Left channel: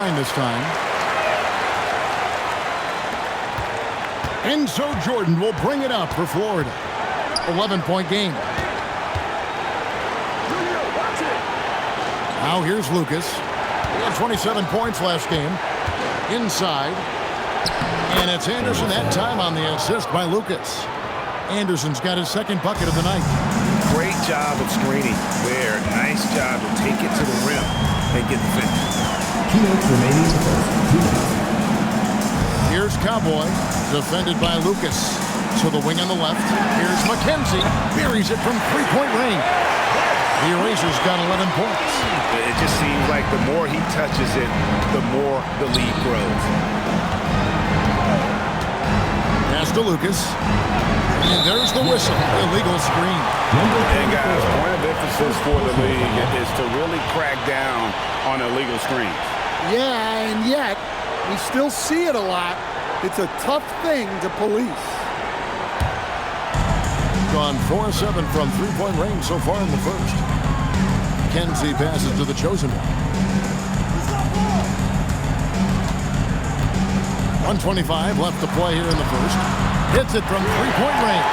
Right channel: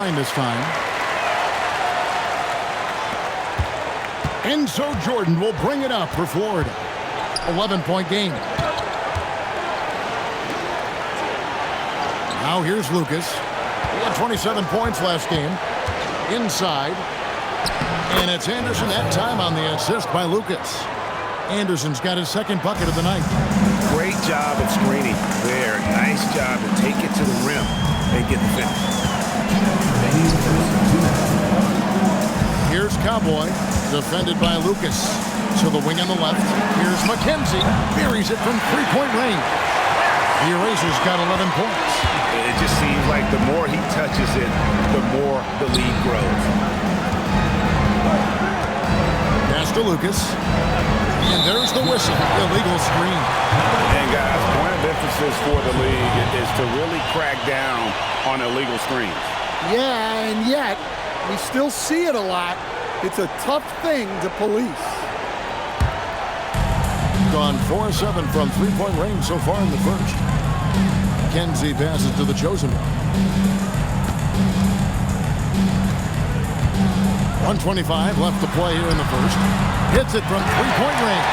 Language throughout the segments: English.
this time. Enzo Jordan will bring it up for Florida. 11-point game. Now here's Lucas. He had 27 points last game. Inside. And it's Anderson that time on the assist by Lucas. Anderson's got his second bucket of the night. Great job of screening there. Nice job to take it to the rim and get the finish. Here's Cowboy, defended by Lucas. To the wing on the left. Here's McKenzie. Buries it from three-point range. The Erasers got 11 points. It just seems like the more he touches it, the more the lead grows. Pass to Lucas. And there's the whistle. Illegal screen. And guys, point of emphasis for the league is to really crack down on illegal screens. Yeah, and yet we still see it a lot. It's a tough thing to police. Gone 4-7 from three-point range so far in the first. Kenzie passes to the chosen one. 1:25 left to play here in the first. Hits it from three-point range.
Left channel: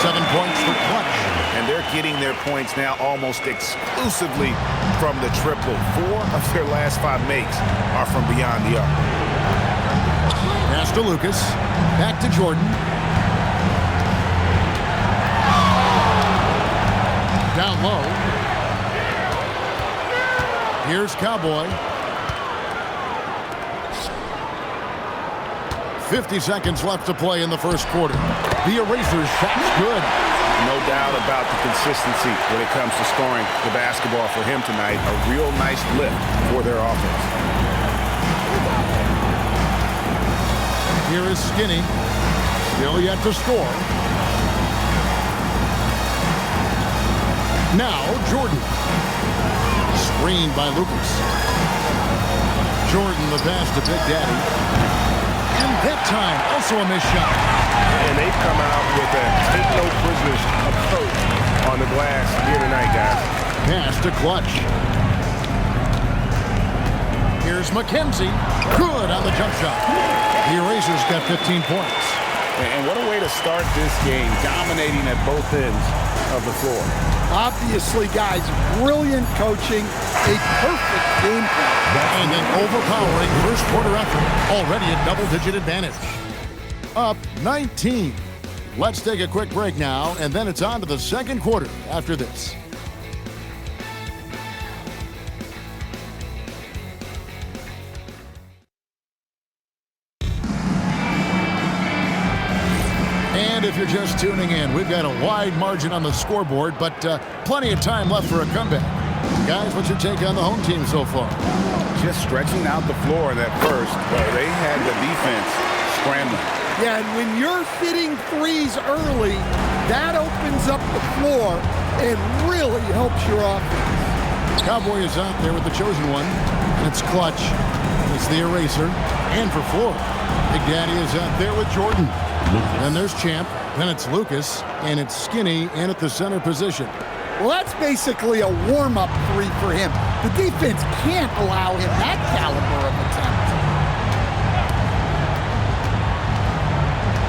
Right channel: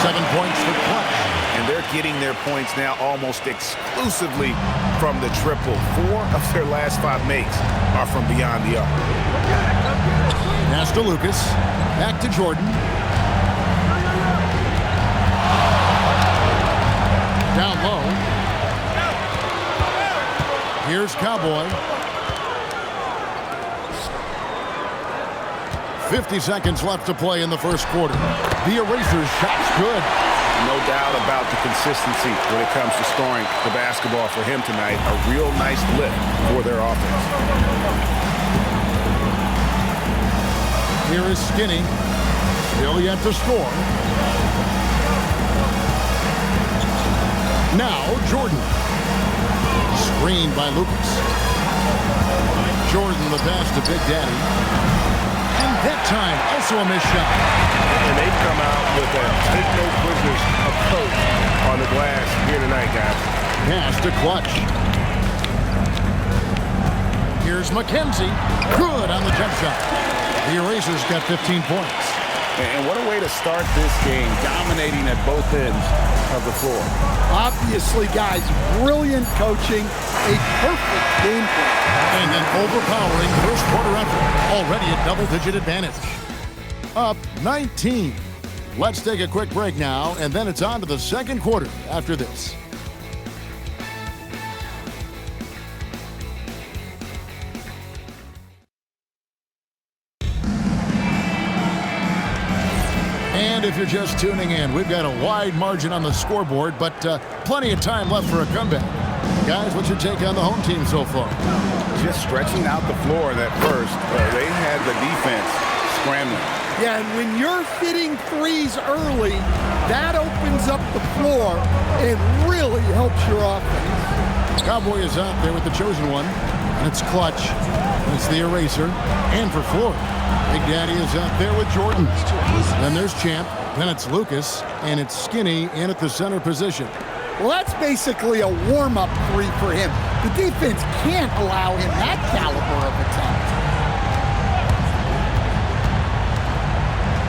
7 points for Clutch. And they're getting their points now almost exclusively from the triple. 4 of their last 5 makes are from beyond the arc. Pass to Lucas. Back to Jordan. Down low. Here's Cowboy. 50 seconds left to play in the first quarter. The Erasers' shot's good. No doubt about the consistency when it comes to scoring the basketball for him tonight. A real nice lift for their offense. Here is Skinny. Still yet to score. Now Jordan. Screened by Lucas. Jordan the pass to Big Daddy. And that time, also a missed shot. And they've come out with a take-no-prisoners approach on the glass here tonight, guys. Pass to Clutch. Here's McKenzie. Good on the jump shot. The Erasers got 15 points. And what a way to start this game, dominating at both ends of the floor. Obviously, guys, brilliant coaching, a perfect game plan. And an overpowering first quarter effort. Already a double-digit advantage. Up 19. Let's take a quick break now, and then it's on to the second quarter after this. And if you're just tuning in, we've got a wide margin on the scoreboard, but plenty of time left for a comeback. Guys, what's your take on the home team so far? Just stretching out the floor in that first. They had the defense scrambling. Yeah, and when you're hitting threes early, that opens up the floor and really helps your offense. Cowboy is out there with the chosen one, and it's Clutch. And it's the Eraser, and for Florida. Big Daddy is out there with Jordan. Then there's Champ, then it's Lucas, and it's Skinny in at the center position. Well, that's basically a warm-up three for him. The defense can't allow him that caliber of attempt.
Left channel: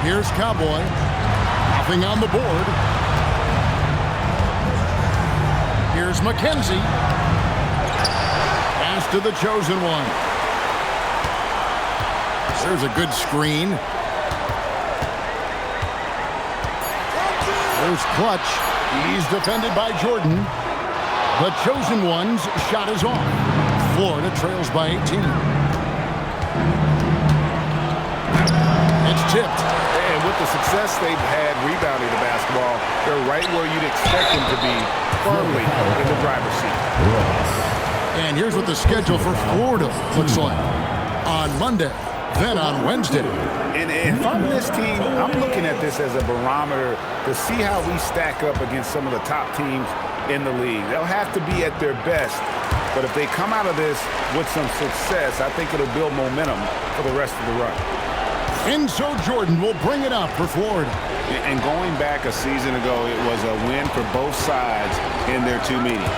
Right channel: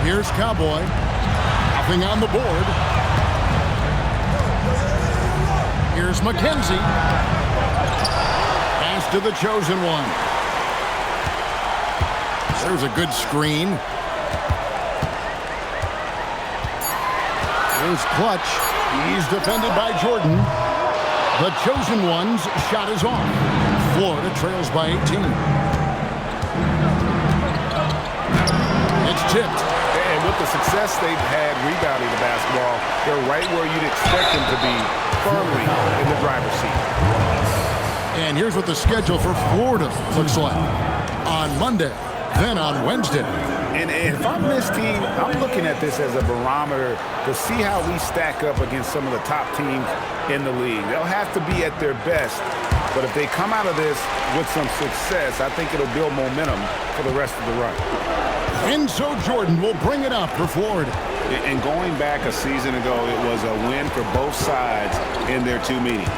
Here's Cowboy. Nothing on the board. Here's McKenzie. Pass to the chosen one. There's a good screen. There's Clutch. He's defended by Jordan. The chosen one's shot is off. Florida trails by 18. It's tipped. And with the success they've had rebounding the basketball, they're right where you'd expect them to be, firmly in the driver's seat. And here's what the schedule for Florida looks like. On Monday, then on Wednesday. And if I'm this team, I'm looking at this as a barometer to see how we stack up against some of the top teams in the league. They'll have to be at their best, but if they come out of this with some success, I think it'll build momentum for the rest of the run. Enzo Jordan will bring it up for Florida. And going back a season ago, it was a win for both sides in their 2 meetings.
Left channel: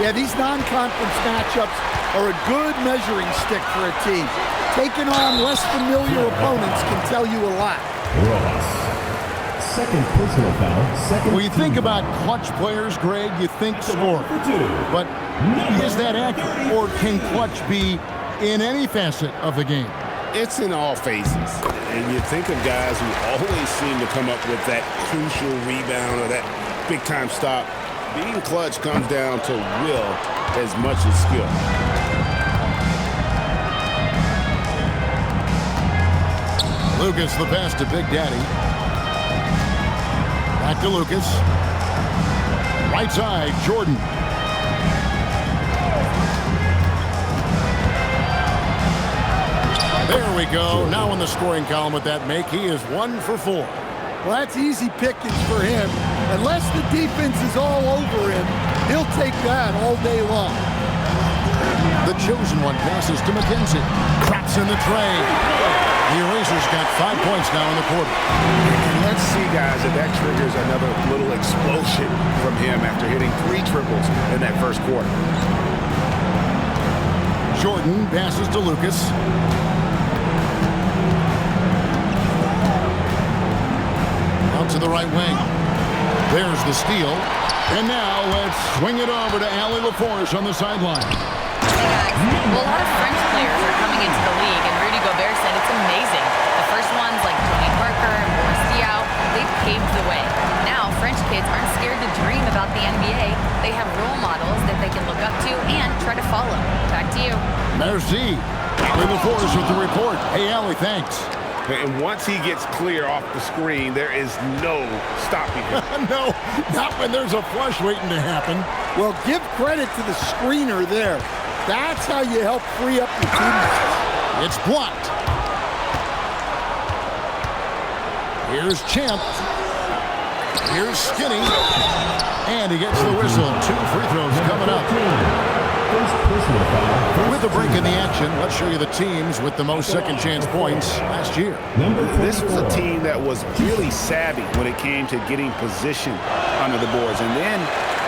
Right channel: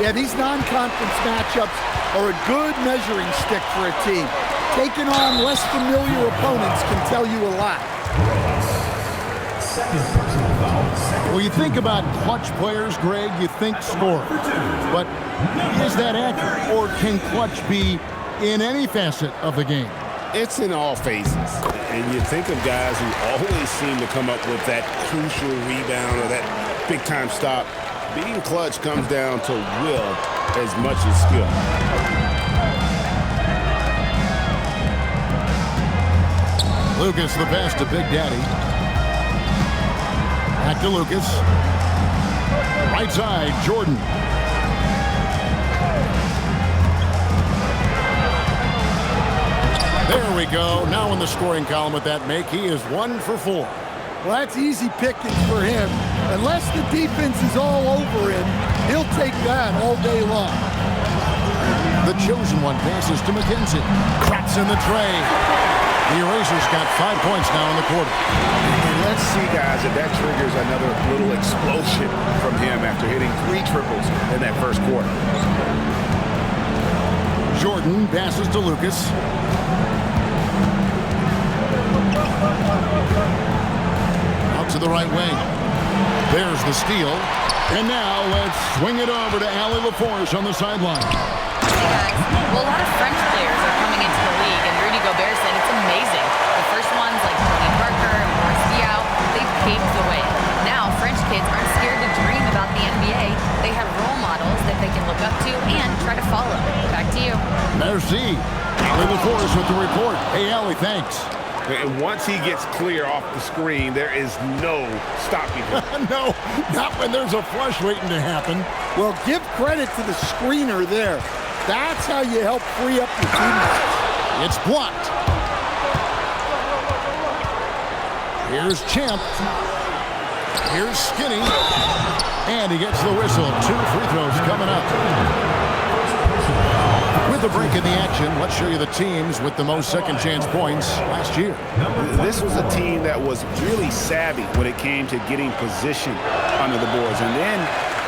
Yeah, these non-conference matchups are a good measuring stick for a team. Taking on less familiar opponents can tell you a lot. Second personal foul. When you think about clutch players, Greg, you think score. But is that accurate? Or can clutch be in any facet of the game? It's in all phases. And you think of guys who always seem to come up with that crucial rebound or that big-time stop. Being clutch comes down to will as much as skill. Lucas the pass to Big Daddy. Back to Lucas. Right side, Jordan. There we go. Now in the scoring column with that make, he is 1 for 4. Well, that's easy pickings for him. Unless the defense is all over him, he'll take that all day long. The chosen one passes to McKenzie. Traps in the tray. The Erasers got 5 points now in the quarter. And let's see, guys, if that triggers another little explosion from him after hitting 3 triples in that first quarter. Jordan passes to Lucas. Out to the right wing. There's the steal. And now let's swing it over to Allie LaForce on the sideline. Hey guys, well, a lot of French players are coming into the league, and Rudy Gobert said it's amazing. The first ones like Tony Parker and Boris Diaw, they paved the way. Now, French kids aren't scared to dream about the NBA. They have role models that they can look up to and try to follow. Back to you. Merci. Allie LaForce with the report. Hey, Allie, thanks. And once he gets clear off the screen, there is no stopping him. No, not when there's a flush waiting to happen. Well, give credit to the screener there. That's how you help free up your teammates. It's blocked. Here's Champ. Here's Skinny. And he gets the whistle. 2 free throws coming up. With the break in the action, let's show you the teams with the most second chance points last year. This was a team that was really savvy when it came to getting position under the boards and then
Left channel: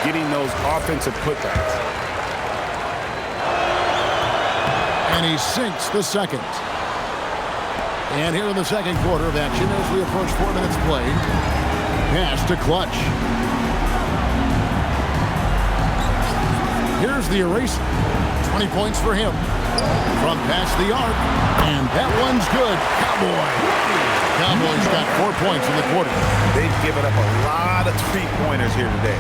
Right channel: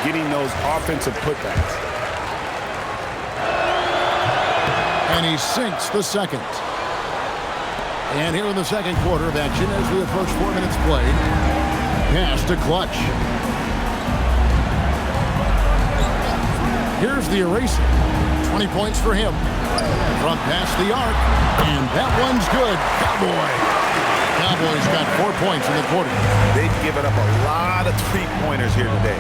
getting those offensive putbacks. And he sinks the second. And here in the second quarter of action as we approach 4 minutes played. Pass to Clutch. Here's the eraser. 20 points for him. From past the arc. And that one's good. Cowboy. Cowboys got 4 points in the quarter. They've given up a lot of three-pointers here today.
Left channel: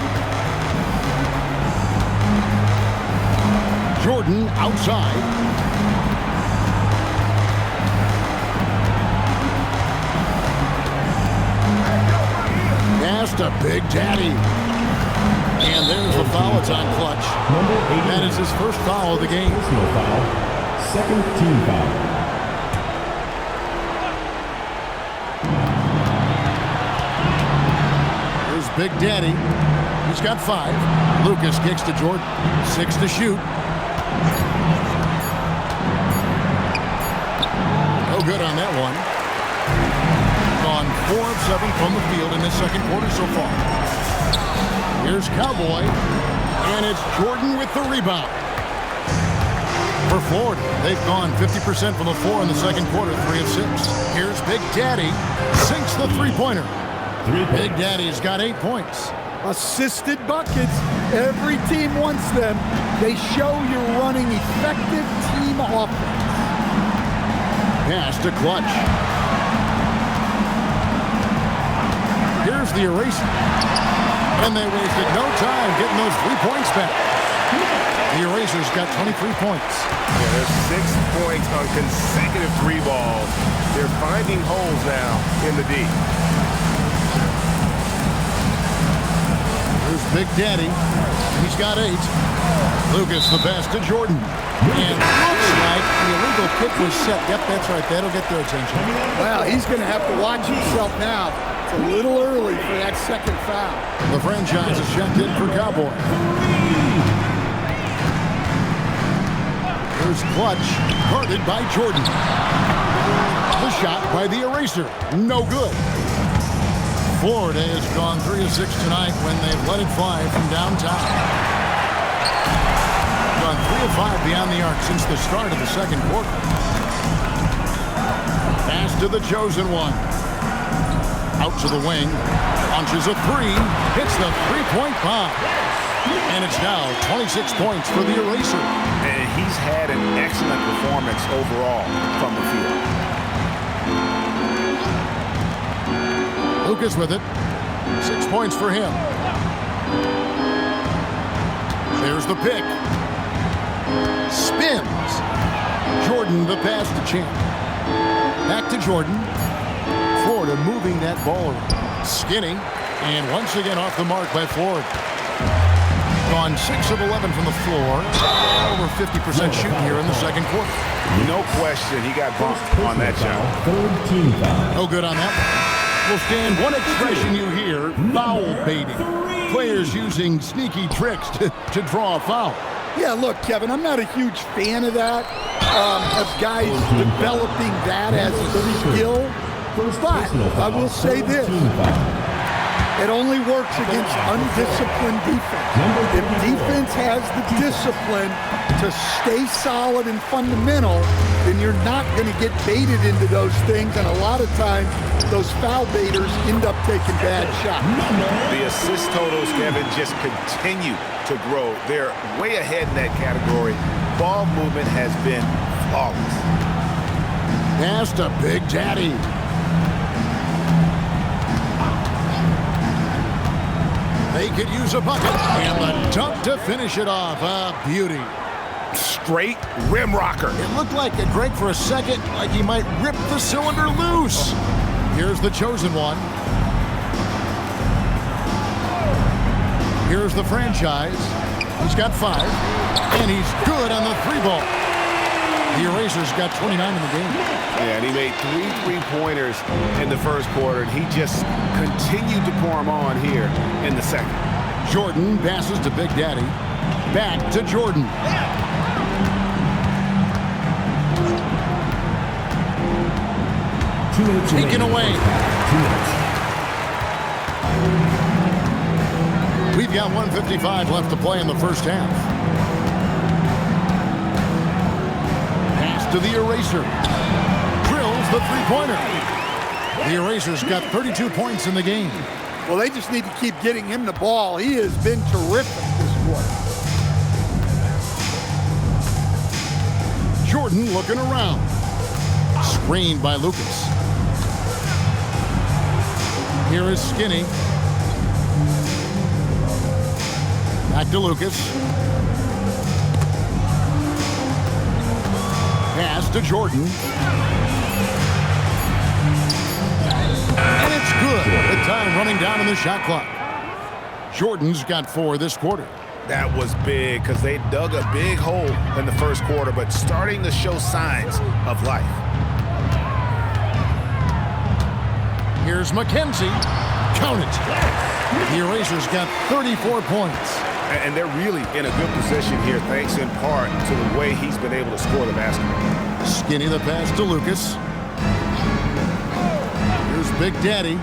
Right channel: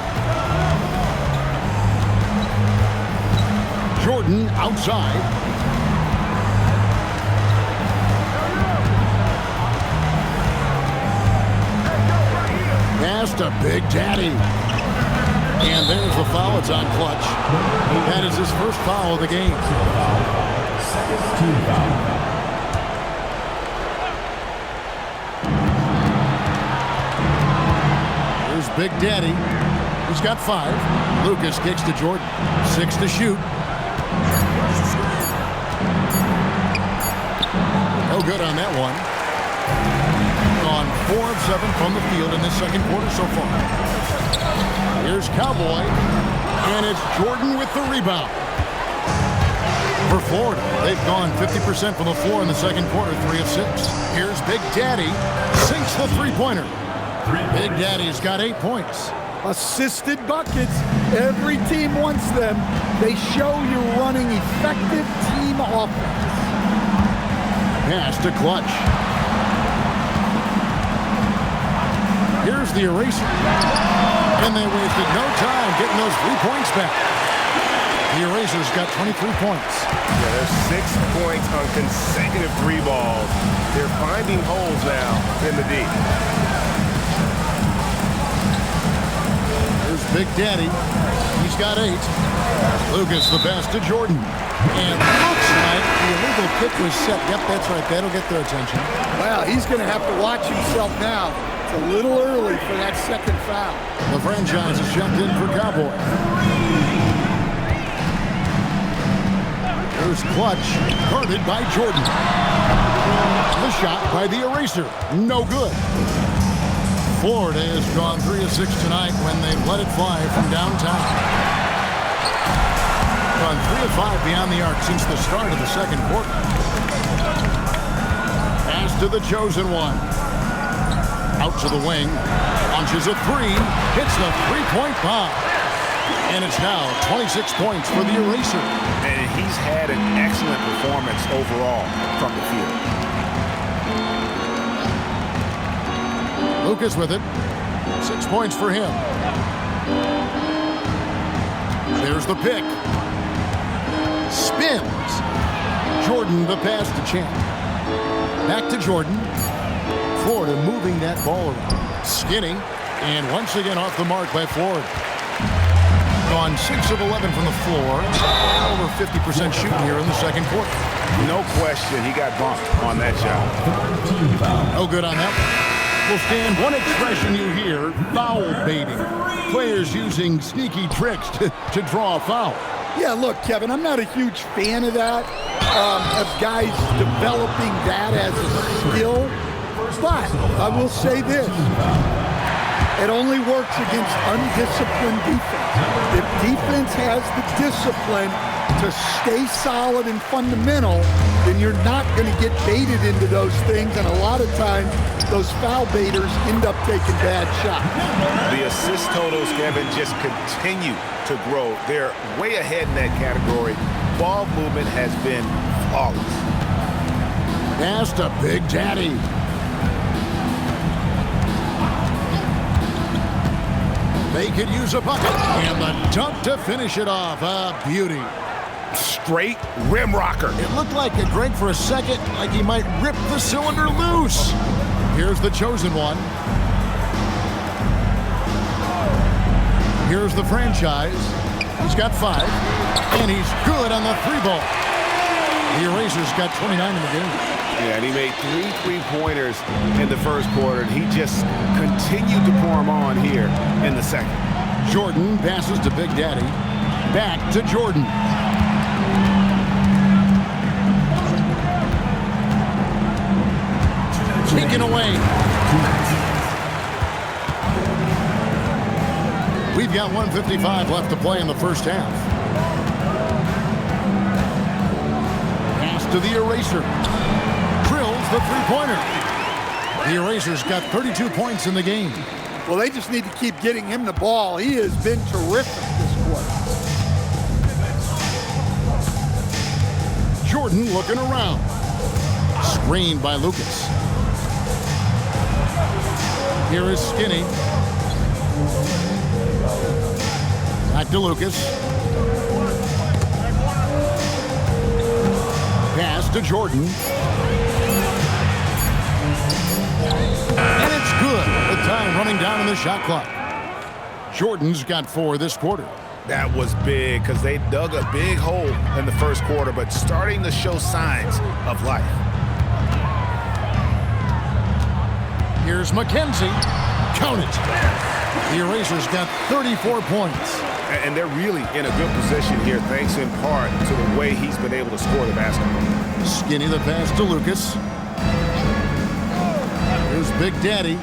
Jordan outside. Pass to Big Daddy. And there's the foul. It's on Clutch. That is his first foul of the game. Second team foul. Here's Big Daddy. He's got 5. Lucas kicks to Jordan. 6 to shoot. No good on that one. Gone 4 of 7 from the field in this second quarter so far. Here's Cowboy, and it's Jordan with the rebound. For Florida, they've gone 50% from the floor in the second quarter, 3 of 6. Here's Big Daddy, sinks the three-pointer. Big Daddy's got 8 points. Assisted buckets. Every team wants them. They show you're running effective team offense. Pass to Clutch. Here's the eraser. And they wasted no time getting those 3 points back. The Erasers got 23 points. Yeah, there's 6 points on consecutive 3 balls. They're finding holes now in the D. Here's Big Daddy. He's got 8. Lucas the pass to Jordan. And looks like the illegal kick was set. Yep, that's right. That'll get their attention. Well, he's going to have to watch himself now. It's a little early for that second foul. The franchise is checked in for Cowboy. Here's Clutch, guarded by Jordan. The shot by the Eraser, no good. Florida has gone 3 of 6 tonight when they've let it fly from downtown. gone 3 of 5 beyond the arc since the start of the second quarter. Pass to the chosen one. Out to the wing. Launches a three. Hits the three-point bomb. And it's now 26 points for the eraser. And he's had an excellent performance overall from the field. Lucas with it. 6 points for him. There's the pick. Spins. Jordan the pass to Champ. Back to Jordan. Florida moving that ball around. Skinny. And once again off the mark by Florida. Gone 6 of 11 from the floor. Over 50% shooting here in the second quarter. No question he got bumped on that shot. Third team foul. No good on that one. Well, Stan, one expression you hear, foul baiting. Players using sneaky tricks to draw a foul. Yeah, look, Kevin, I'm not a huge fan of that, of guys developing that as a skill. But I will say this. It only works against undisciplined defense. If defense has the discipline to stay solid and fundamental, then you're not going to get baited into those things. And a lot of times, those foul baiters end up taking bad shots. The assist totals, Kevin, just continue to grow. They're way ahead in that category. Ball movement has been flawless. Pass to Big Daddy. They could use a bucket. And the dunk to finish it off. A beauty. Straight rim rocker. It looked like Greg for a second, like he might rip the cylinder loose. Here's the chosen one. Here's the franchise. He's got 5. And he's good on the 3-ball. The Erasers got 29 in the game. Yeah, and he made 3 3-pointers in the first quarter, and he just continued to pour them on here in the second. Jordan passes to Big Daddy. Back to Jordan. Taken away. 2 minutes. We've got 1:55 left to play in the first half. Pass to the Eraser. Drills the three-pointer. The Erasers got 32 points in the game. Well, they just need to keep getting him the ball. He has been terrific this quarter. Jordan looking around. Screened by Lucas. Here is Skinny. Back to Lucas. Pass to Jordan. And it's good. The time running down in the shot clock. Jordan's got 4 this quarter. That was big because they dug a big hole in the first quarter, but starting to show signs of life. Here's McKenzie. Count it. The Erasers got 34 points. And they're really in a good position here, thanks in part to the way he's been able to score the basketball. Skinny the pass to Lucas. Here's Big Daddy.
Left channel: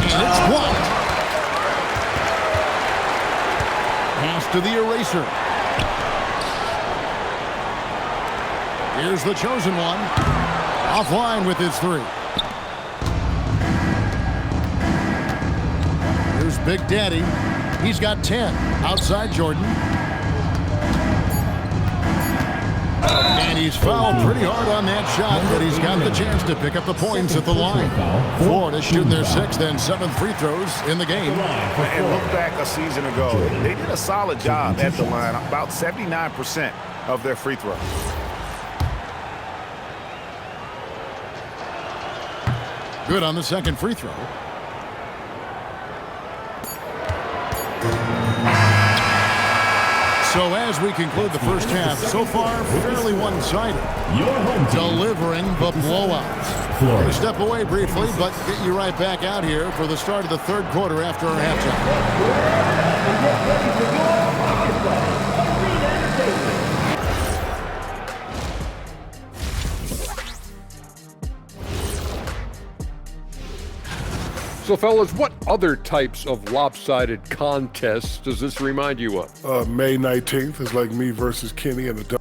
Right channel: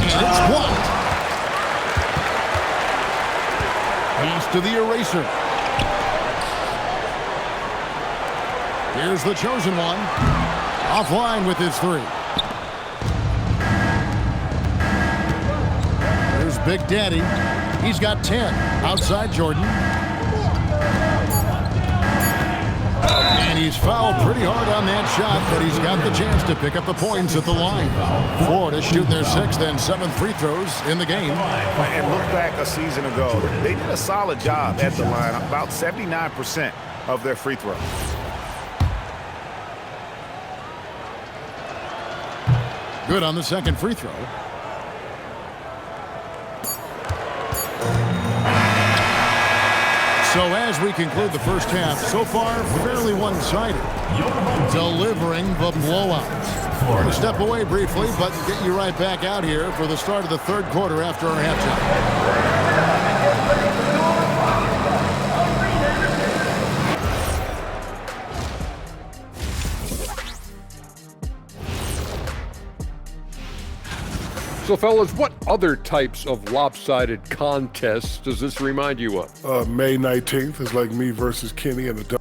And it's blocked. Pass to the Eraser. Here's the chosen one. Offline with his 3. Here's Big Daddy. He's got 10. Outside Jordan. And he's fouled pretty hard on that shot, but he's got the chance to pick up the points at the line. Florida shooting their 6th and 7th free throws in the game. And look back a season ago, they did a solid job at the line, about 79% of their free throws. Good on the second free throw. So as we conclude the first half, so far fairly one-sided, delivering the blowout. We're going to step away briefly, but get you right back out here for the start of the third quarter after our halftime. So, fellas, what other types of lopsided contests does this remind you of? May 19th is like me versus Kenny in the...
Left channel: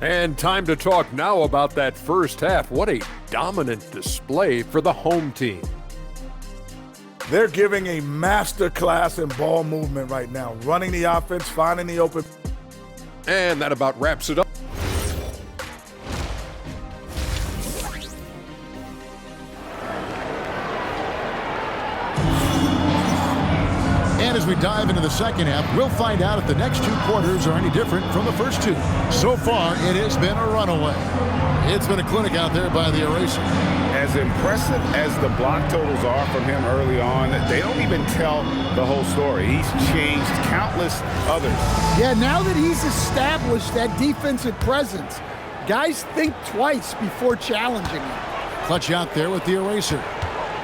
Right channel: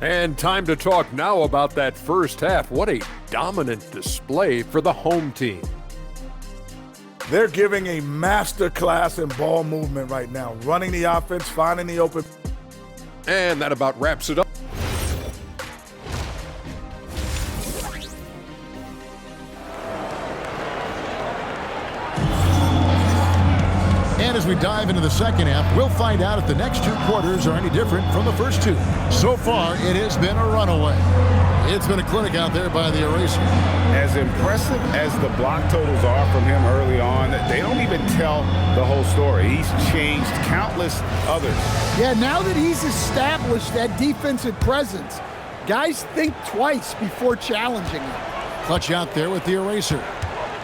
And time to talk now about that first half. What a dominant display for the home team. They're giving a master class in ball movement right now, running the offense, finding the open. And that about wraps it up. And as we dive into the second half, we'll find out if the next two quarters are any different from the first two. So far, it has been a runaway. It's been a clinic out there by the Eraser. As impressive as the block totals are from him early on, they don't even tell the whole story. He's changed countless others. Yeah, now that he's established that defensive presence, guys think twice before challenging him. Clutch out there with the Eraser.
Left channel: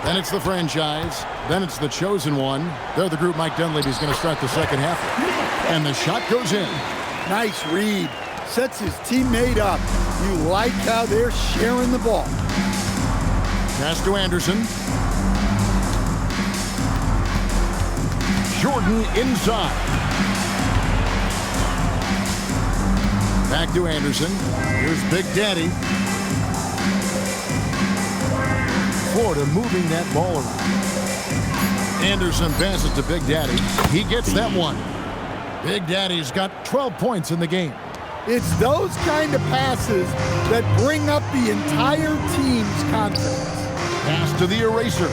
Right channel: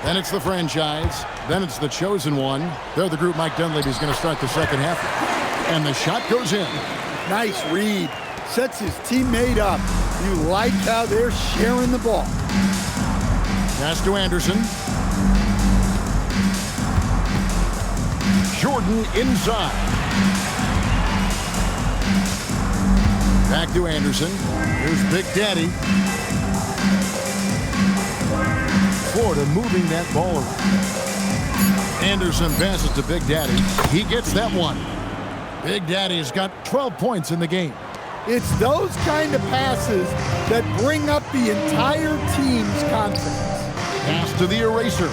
Then it's the franchise. Then it's the chosen one. They're the group Mike Dunleavy's going to start the second half with. And the shot goes in. Nice read. Sets his teammate up. You like how they're sharing the ball. Pass to Anderson. Jordan inside. Back to Anderson. Here's Big Daddy. Florida moving that ball around. Anderson passes to Big Daddy. He gets that one. Big Daddy's got 12 points in the game. It's those kind of passes that bring up the entire team's confidence. Pass to the Eraser.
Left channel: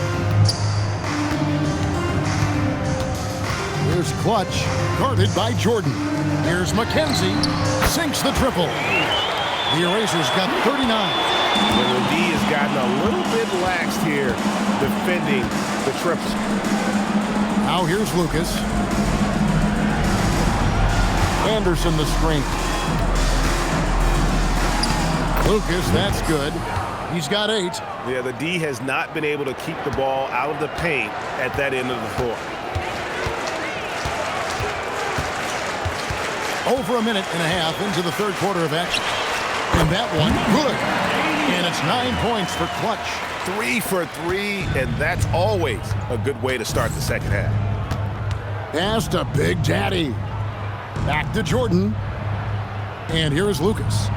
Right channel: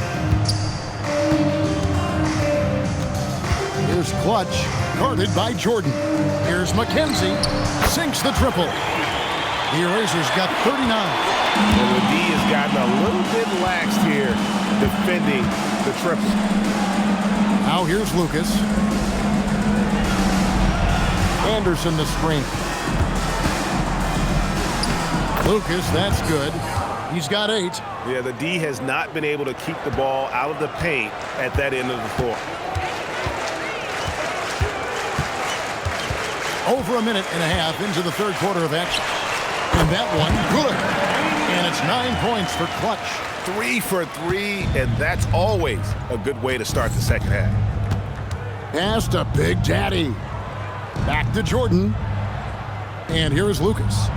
Here's Clutch, guarded by Jordan. Here's McKenzie, sinks the triple. The Eraser's got 39. And the D has gotten a little bit laxed here defending the triple. Now here's Lucas. Anderson the screen. Lucas, that's good. He's got 8. Yeah, the D has not been able to keep the ball out of the paint at that end of the floor. Over a minute and a half into the third quarter of action. And that one, good. And it's 9 points for Clutch. 3 for 3, and that's always a good way to start the second half. Pass to Big Daddy. Back to Jordan. And here is Lucas.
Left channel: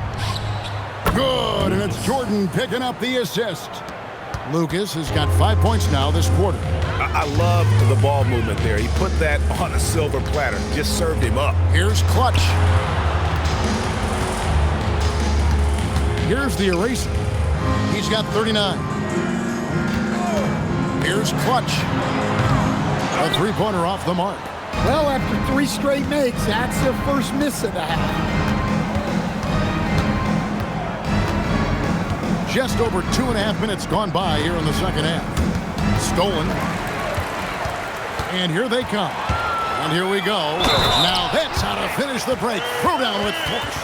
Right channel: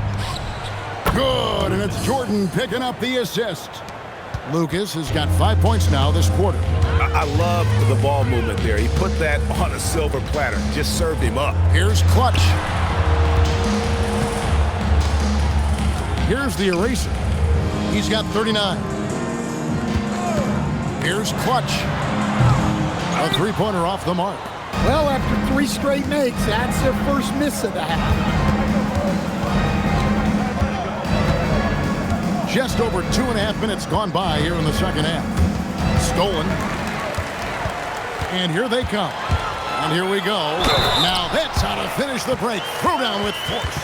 Good, and it's Jordan picking up the assist. Lucas has got 5 points now this quarter. I love the ball movement there. He put that on a silver platter, just served him up. Here's Clutch. Here's the Eraser. He's got 39. Here's Clutch. A three-pointer off the mark. Well, after 3 straight makes, that's their first miss of the half. Just over 2.5 minutes gone by here in the second half. Stolen. And here they come. And here we go. Now that's how to finish the break. Throw down with force.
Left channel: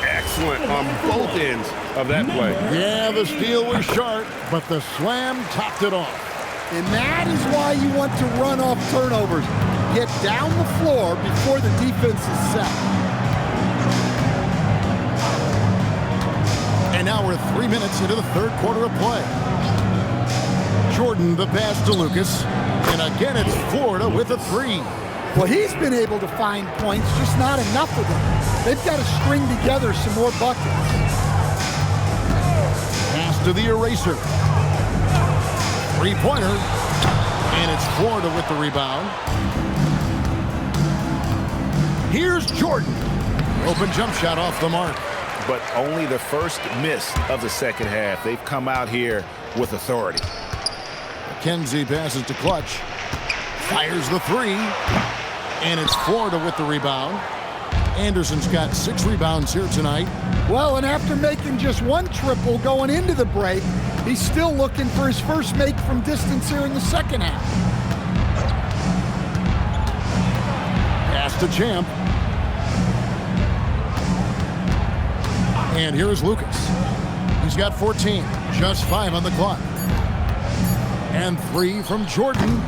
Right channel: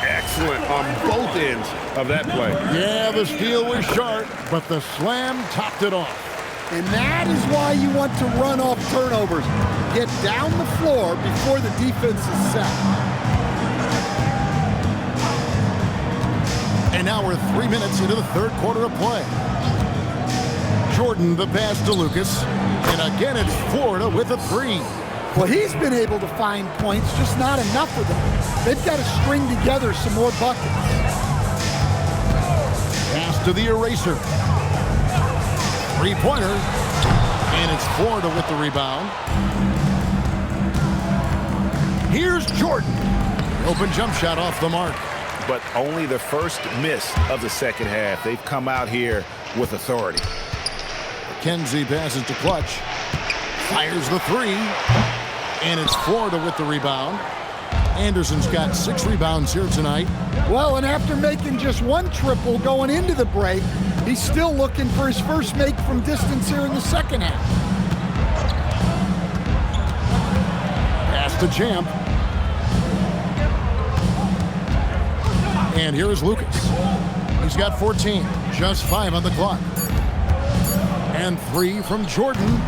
Excellent on both ends of that play. Yeah, the steal was sharp, but the slam topped it off. And that is why you want to run off turnovers. Get down the floor before the defense is set. And now we're 3 minutes into the third quarter of play. Jordan the pass to Lucas. And again, it's Florida with a 3. Well, he's been able to find points, just not enough of them. They've got to string together some more buckets. Pass to the Eraser. Three-pointer. And it's Florida with the rebound. Here's Jordan. Open jump shot off the mark. But only the first miss of the second half. They've come out here with authority. McKenzie passes to Clutch. Fires the 3. And it's Florida with the rebound. Anderson's got 6 rebounds here tonight. Well, and after making just 1 triple going into the break, he's still looking for his first make from distance here in the second half. Pass to Champ. And here is Lucas. He's got 14, just 5 on the clock. And 3 from Jordan.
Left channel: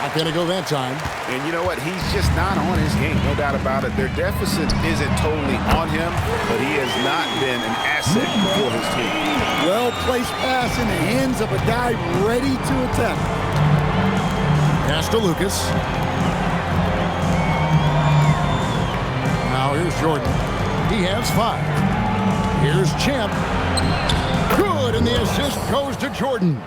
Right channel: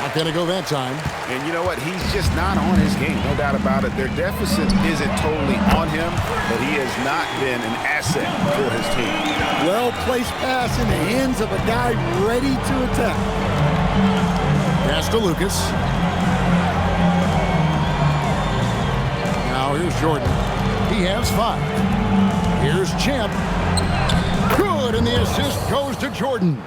Not going to go that time. And you know what? He's just not on his game, no doubt about it. Their deficit isn't totally on him, but he has not been an asset for his team. Well-placed pass in the hands of a guy ready to attack. Pass to Lucas. Now here's Jordan. He has 5. Here's Champ. Good, and the assist goes to Jordan.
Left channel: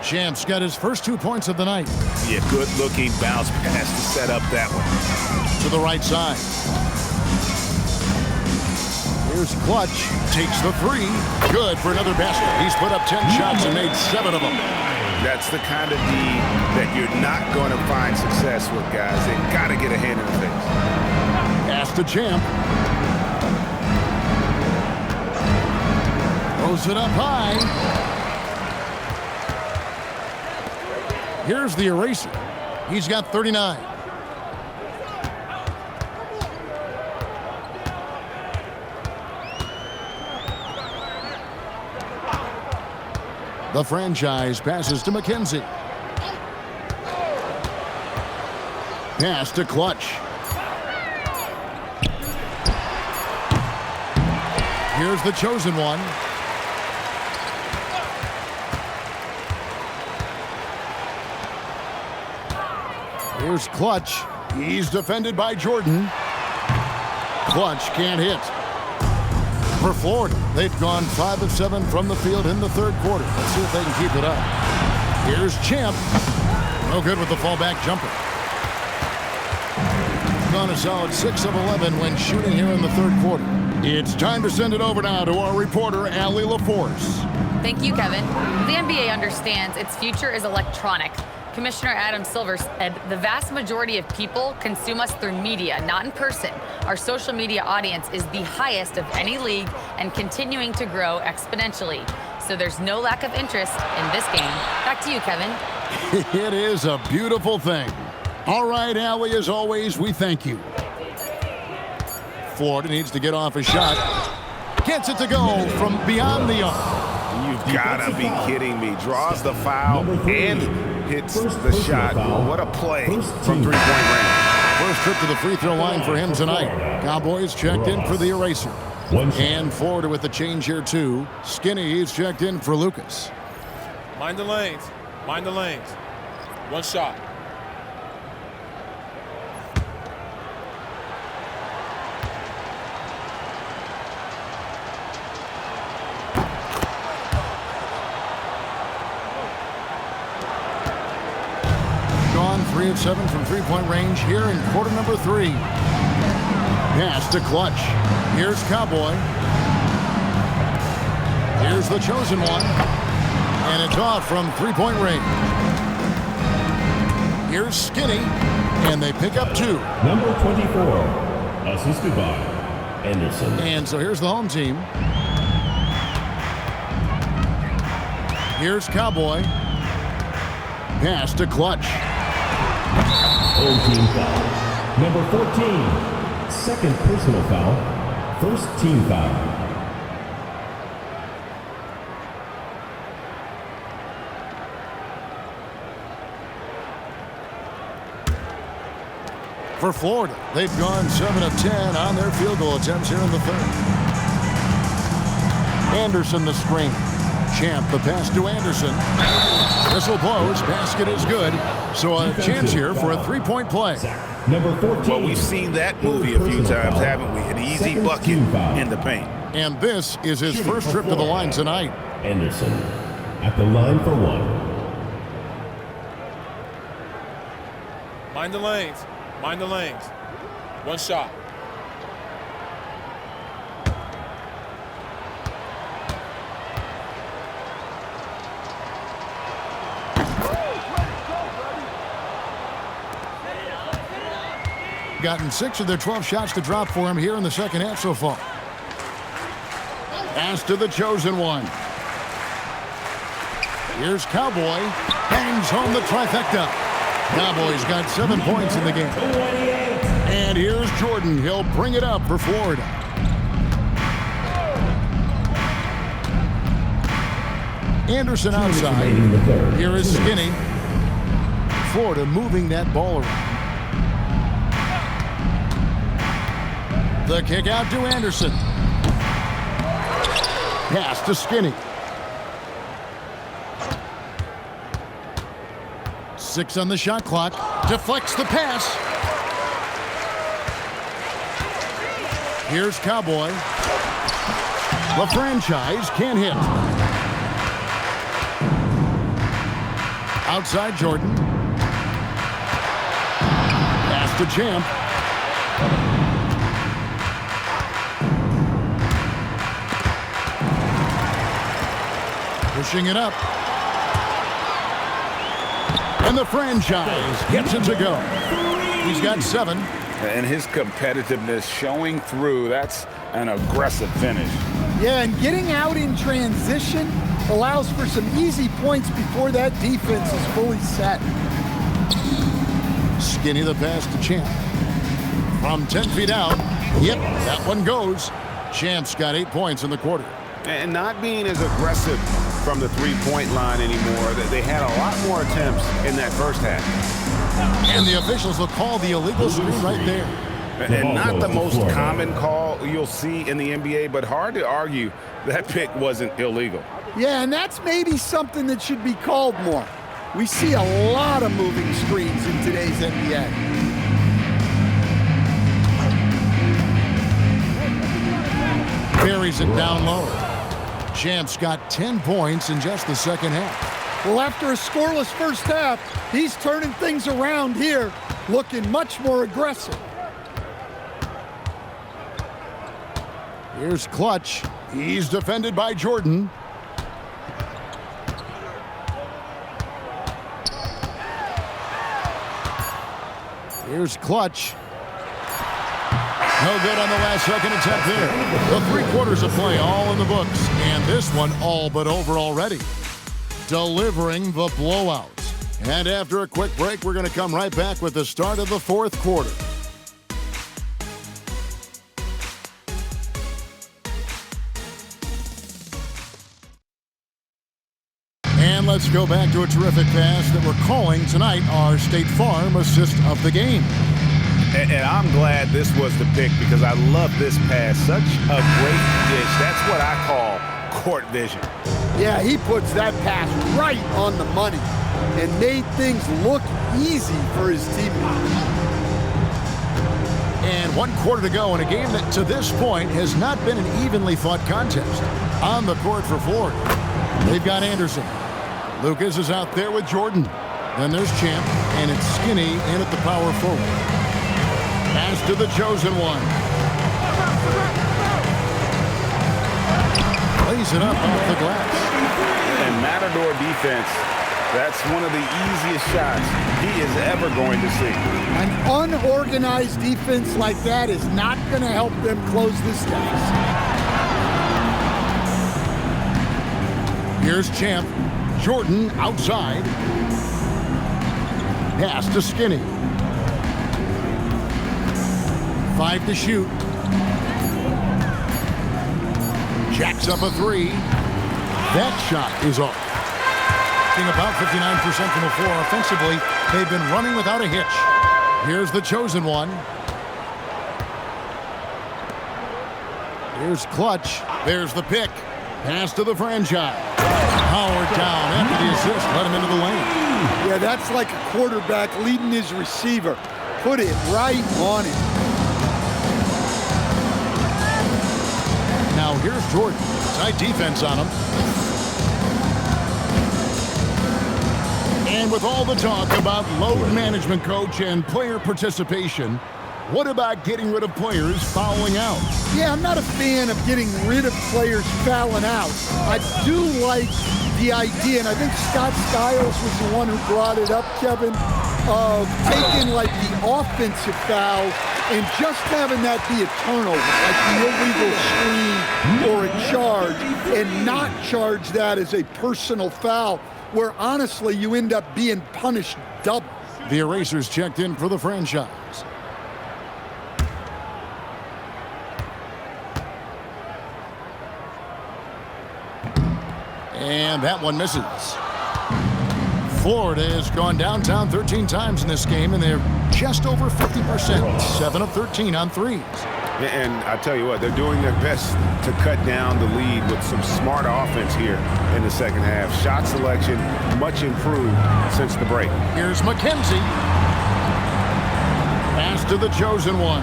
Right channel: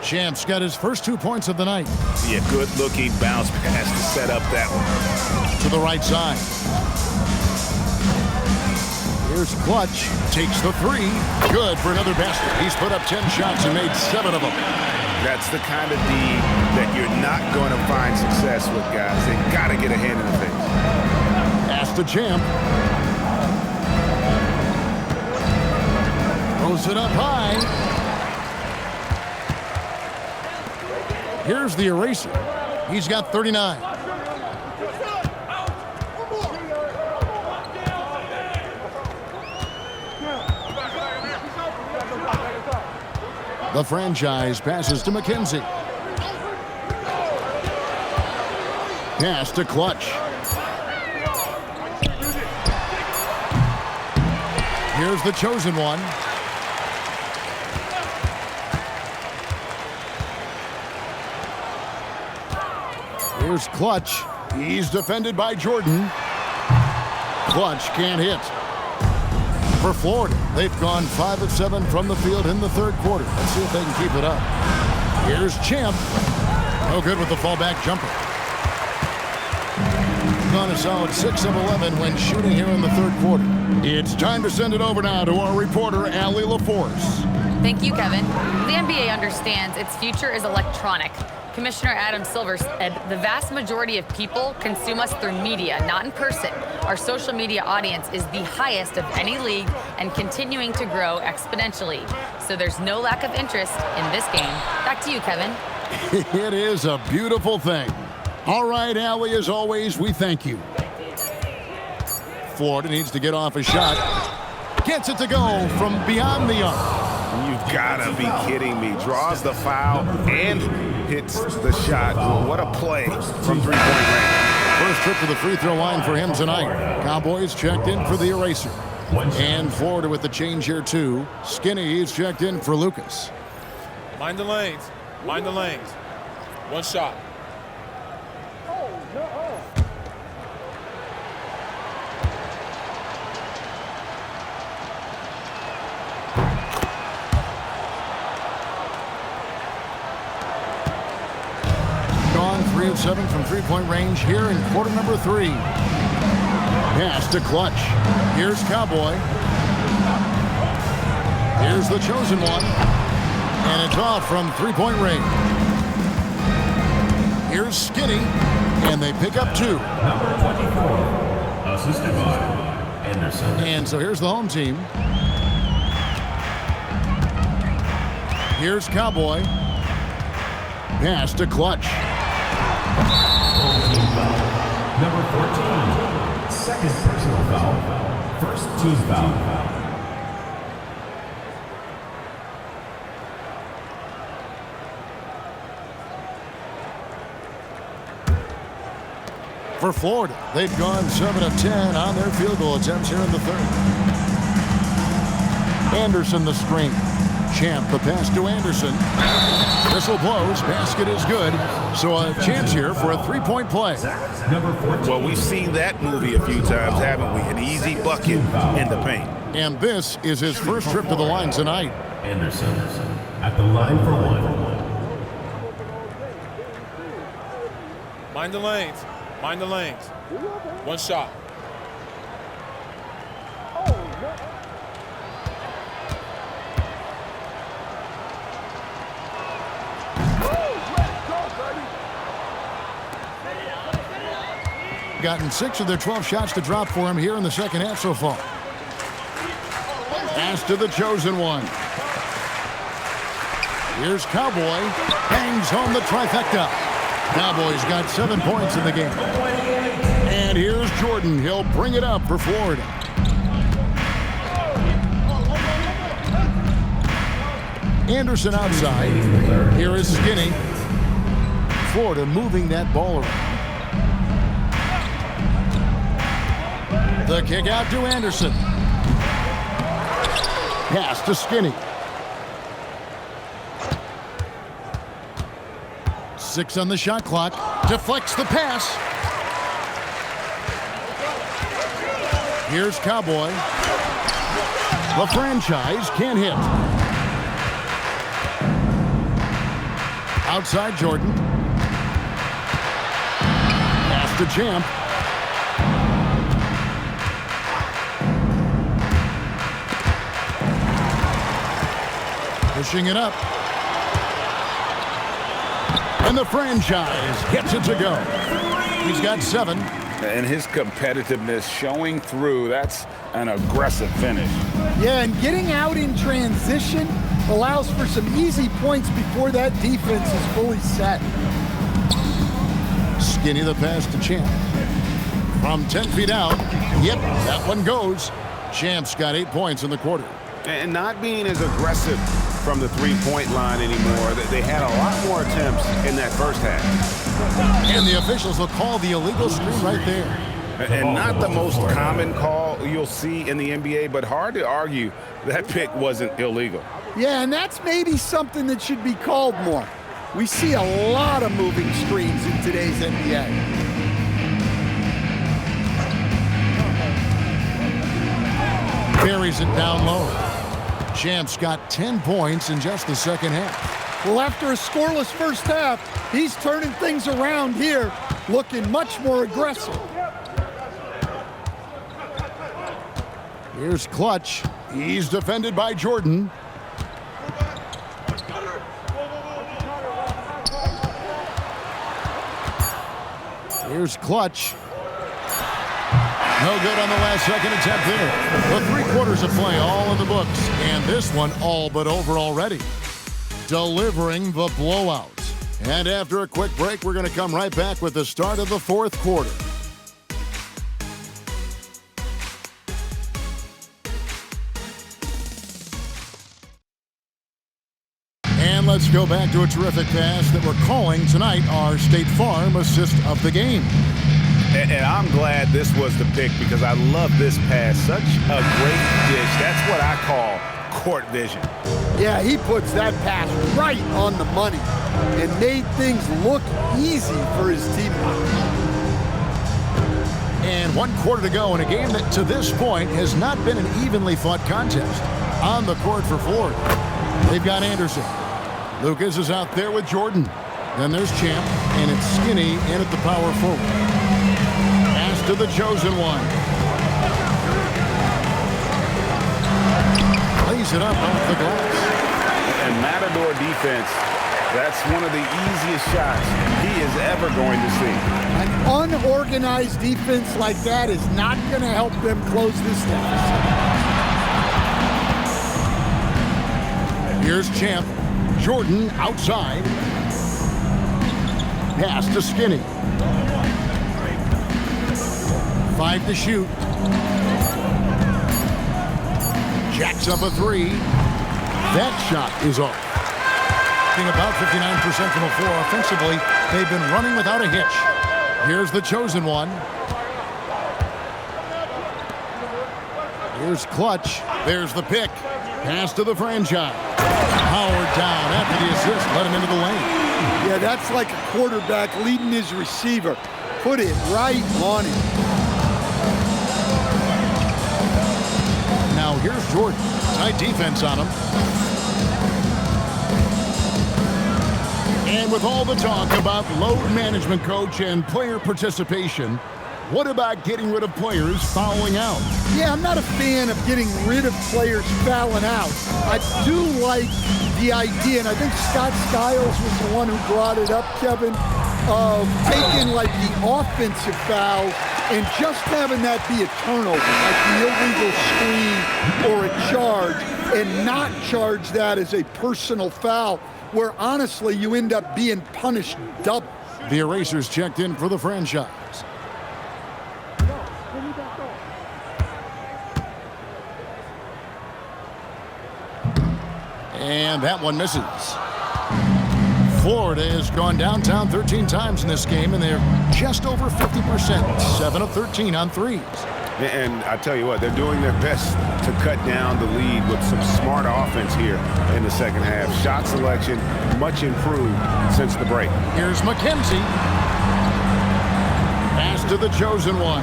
Champ's got his first 2 points of the night. Yeah, good-looking bounce pass to set up that one. To the right side. Here's Clutch. Takes the 3. Good for another basket. He's put up 10 shots and made 7 of them. That's the kind of D that you're not going to find success with, guys. They got to get a hand in the face. Pass to Champ. Throws it up high. Here's the eraser. He's got 39. The franchise passes to McKenzie. Pass to Clutch. Here's the chosen one. Here's Clutch. He's defended by Jordan. Clutch can't hit. For Florida, they've gone 5 of 7 from the field in the third quarter. Let's see if they can keep it up. Here's Champ. No good with the fallback jumper. Gone a solid 6 of 11 when shooting here in the third quarter. It's time to send it over now to our reporter, Allie LaForce. Thank you, Kevin. The NBA understands its future is electronic. Commissioner Adam Silver said the vast majority of people consume us through media, not in person. Our social media audience is the highest of any league and continuing to grow exponentially. So there's no lack of interest in this game. Back to you, Kevin. It is a beautiful thing. All right, Allie, as always, we thank you. Florida needs to get off a shot. Gets it to go from beyond the arc. You've got to be kidding me. Draws the foul and hits the shot. Well, what a play from three-point range. First trip to the free throw line for him tonight. Cowboys checked in for the eraser. And Florida with the change here, too. Skinny is checked in for Lucas. Mind the lanes. Mind the lanes. One shot. Gone 3 of 7 from three-point range here in quarter number 3. Pass to Clutch. Here's Cowboy. Here's the chosen one. And it's off from three-point range. Here's Skinny. And they pick up 2. Number 24, assisted by Anderson. And so here's the home team. Here's Cowboy. Pass to Clutch. Home team foul. Number 14, second personal foul. First team foul. For Florida, they've gone 7 of 10 on their field goal attempts here in the third. Anderson the screen. Champ the pass to Anderson. Whistle blows. Basket is good. So a chance here for a three-point play. Number 14. Well, we've seen that movie a few times, haven't we? An easy bucket in the paint. And this is his first trip to the line tonight. Anderson at the line for 1. Mind the lanes. Mind the lanes. One shot. Gotten 6 of their 12 shots to drop for him here in the second half so far. Pass to the chosen one. Here's Cowboy. Hangs home the trifecta. Cowboys got 7 points in the game. And here's Jordan. He'll bring it up for Florida. Anderson outside. Here is Skinny. Florida moving that ball around. The kick out to Anderson. Pass to Skinny. 6 on the shot clock. Deflects the pass. Here's Cowboy. The franchise can't hit. Outside Jordan. Pass to Champ. Pushing it up. And the franchise gets it to go. He's got 7. And his competitiveness showing through. That's an aggressive finish. Yeah, and getting out in transition allows for some easy points before that defense is fully set. Skinny the pass to Champ. From 10 feet out. Yep, that one goes. Champ's got 8 points in the quarter. And not being as aggressive from the three-point line anymore. They had a lot more attempts in that first half. And the officials will call the illegal screen right there. And not the most common call you'll see in the NBA, but hard to argue that pick wasn't illegal. Yeah, and that's maybe something that should be called more. We see a lot of moving screens in today's NBA. Buries it down low. Champ's got 10 points in just the second half. Well, after a scoreless first half, he's turning things around here, looking much more aggressive. Here's Clutch. He's defended by Jordan. Here's Clutch. No good on the last second attempt there. The 3 quarters of play all in the books, and this one all but over already. Delivering the blowout. And after a quick break, we're going to come right back with the start of the 4th quarter. And let's go back to a terrific pass that we're calling tonight our State Farm assist of the game. And I'm glad this was the pick because I love this pass. Such a great dish. That's what I call court vision. Yeah, he puts that pass right on the money and made things look easy for his teammates. And 1 quarter to go in a game that to this point has not been an evenly fought contest. On the court for Florida, they've got Anderson. Lucas is out there with Jordan. Then there's Champ, and it's Skinny in at the power forward. Pass to the chosen one. Lays it up off the glass. And Matador defense, that's one of the easiest shots he is ever going to see. An unorganized defense like that is not going to help them close this deficit. Here's Champ. Jordan outside. Pass to Skinny. 5 to shoot. Jacks up a 3. That shot is off. Being about 59% from the floor offensively, they've been running without a hitch. Here's the chosen one. Here's Clutch. There's the pick. Pass to the franchise. Howard down after the assist. Let him into the lane. Yeah, that's like a quarterback leading his receiver. Put it right on him. Now here's Jordan. Tight defense on him. And with all the talk about load management, coach, and player participation, what about getting rid of players fouling out? Yeah, I'm not a fan of getting rid of players fouling out. I do like the idea, and I think Scott Skiles was the one who brought it up, Kevin, of taking like the offensive fouls and just having that be a turnover, like the illegal screen or a charge, and not charge that as a personal foul, where honestly you end up being punished double. The Erasers checked in for the franchise. And that one misses. Florida has gone downtown 13 times in this game, and they're just over 50%, 7 of 13 on threes. And I tell you what, they're doing their best to cut down the lead with some smart offense here in the second half. Shot selection much improved since the break. Here's McKenzie. Pass to the chosen one.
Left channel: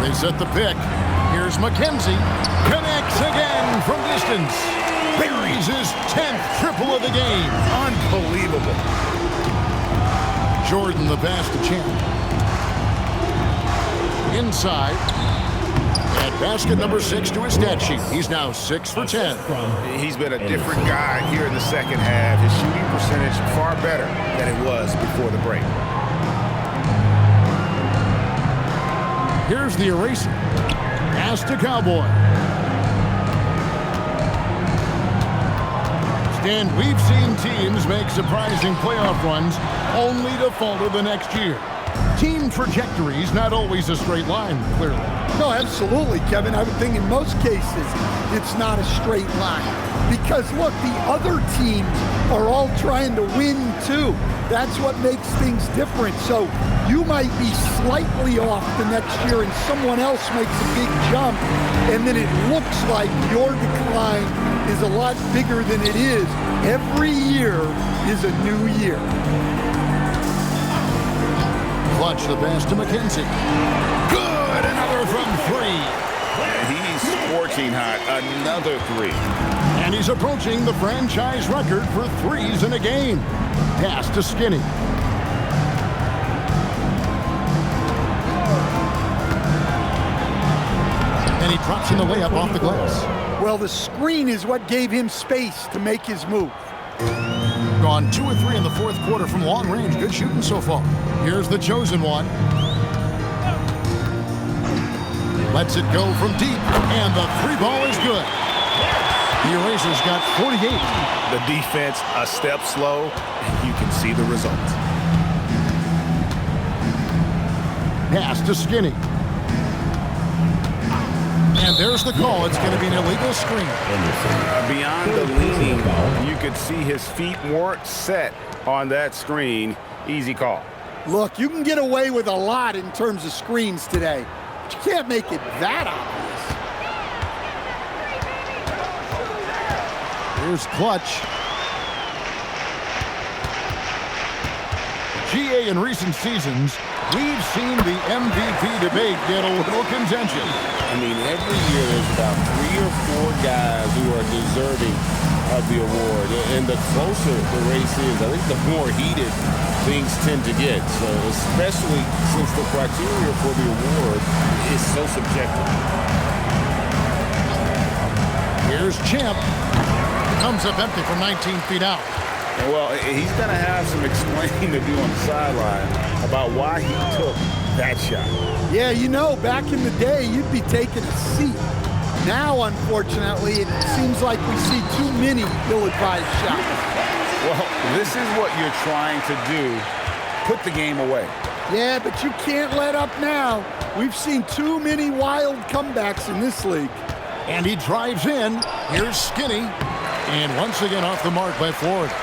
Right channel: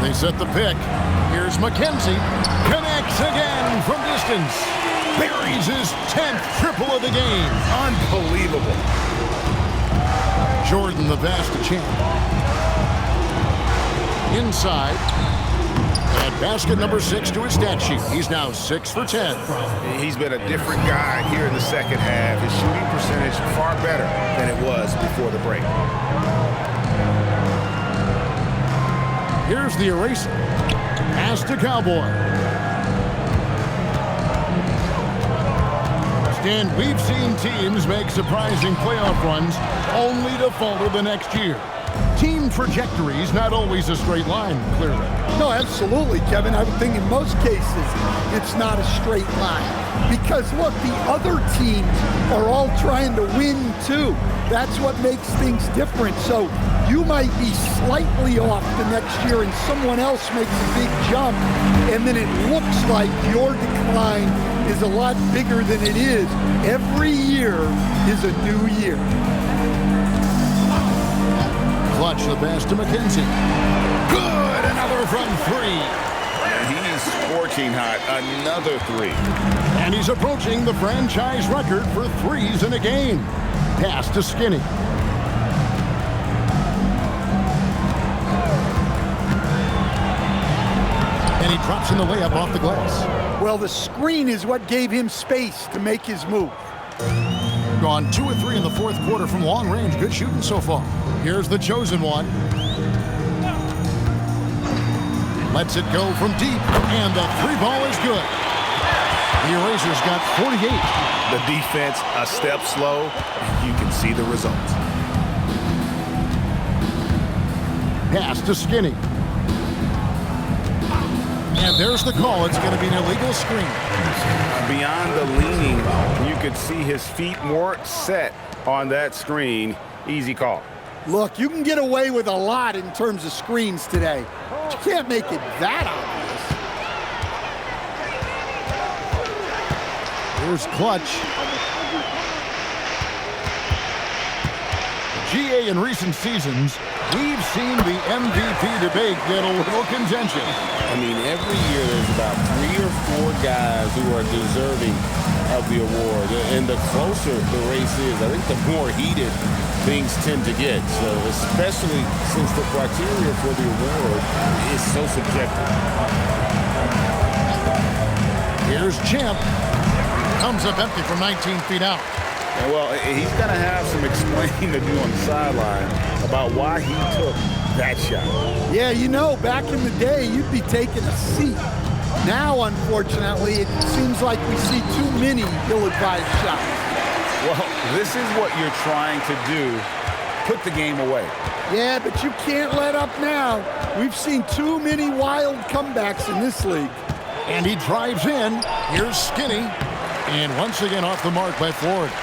They set the pick. Here's McKenzie. Connects again from distance. Buries his 10th triple of the game. Unbelievable. Jordan the pass to Champ. Inside. At basket number 6 to his stat sheet. He's now 6 for 10. He's been a different guy here in the second half. His shooting percentage far better than it was before the break. Here's the eraser. Pass to Cowboy. Stan, we've seen teams make surprising playoff runs only to falter the next year. Team trajectories not always a straight line, clearly. No, absolutely, Kevin. I would think in most cases it's not a straight line. Because, look, the other teams are all trying to win, too. That's what makes things different. So you might be slightly off the next year and someone else makes a big jump, and then it looks like your decline is a lot bigger than it is. Every year is a new year. Clutch the pass to McKenzie. Good, another from 3. And he's scorching hot, another 3. And he's approaching the franchise record for threes in a game. Pass to Skinny. And he drops in the layup off the glass. Well, the screen is what gave him space to make his move. Gone 2 of 3 in the fourth quarter from long range. Good shooting so far. Here's the chosen one. Lets it go from deep, and the 3 ball is good. The Erasers got 48. The defense a step slow, and you can see the results. Pass to Skinny. And there's the call. It's going to be an illegal screen. Beyond the leaning, you could see his feet more set on that screen. Easy call. Look, you can get away with a lot in terms of screens today, but you can't make it that obvious. Here's Clutch. GA in recent seasons, we've seen the MVP debate get a little contentious. I mean, every year there's about 3 or 4 guys who are deserving of the award. And the closer the race is, I think the more heated things tend to get. So especially since the criteria for the award is so subjective. Here's Champ. Comes up empty from 19 feet out. And well, he's going to have some explaining to do on the sideline about why he took that shot. Yeah, you know, back in the day, you'd be taking a seat. Now, unfortunately, it seems like we see too many ill-advised shots. Well, this is what you're trying to do. Put the game away. Yeah, but you can't let up now. We've seen too many wild comebacks in this league. And he drives in. Here's Skinny. And once again off the mark by Florida.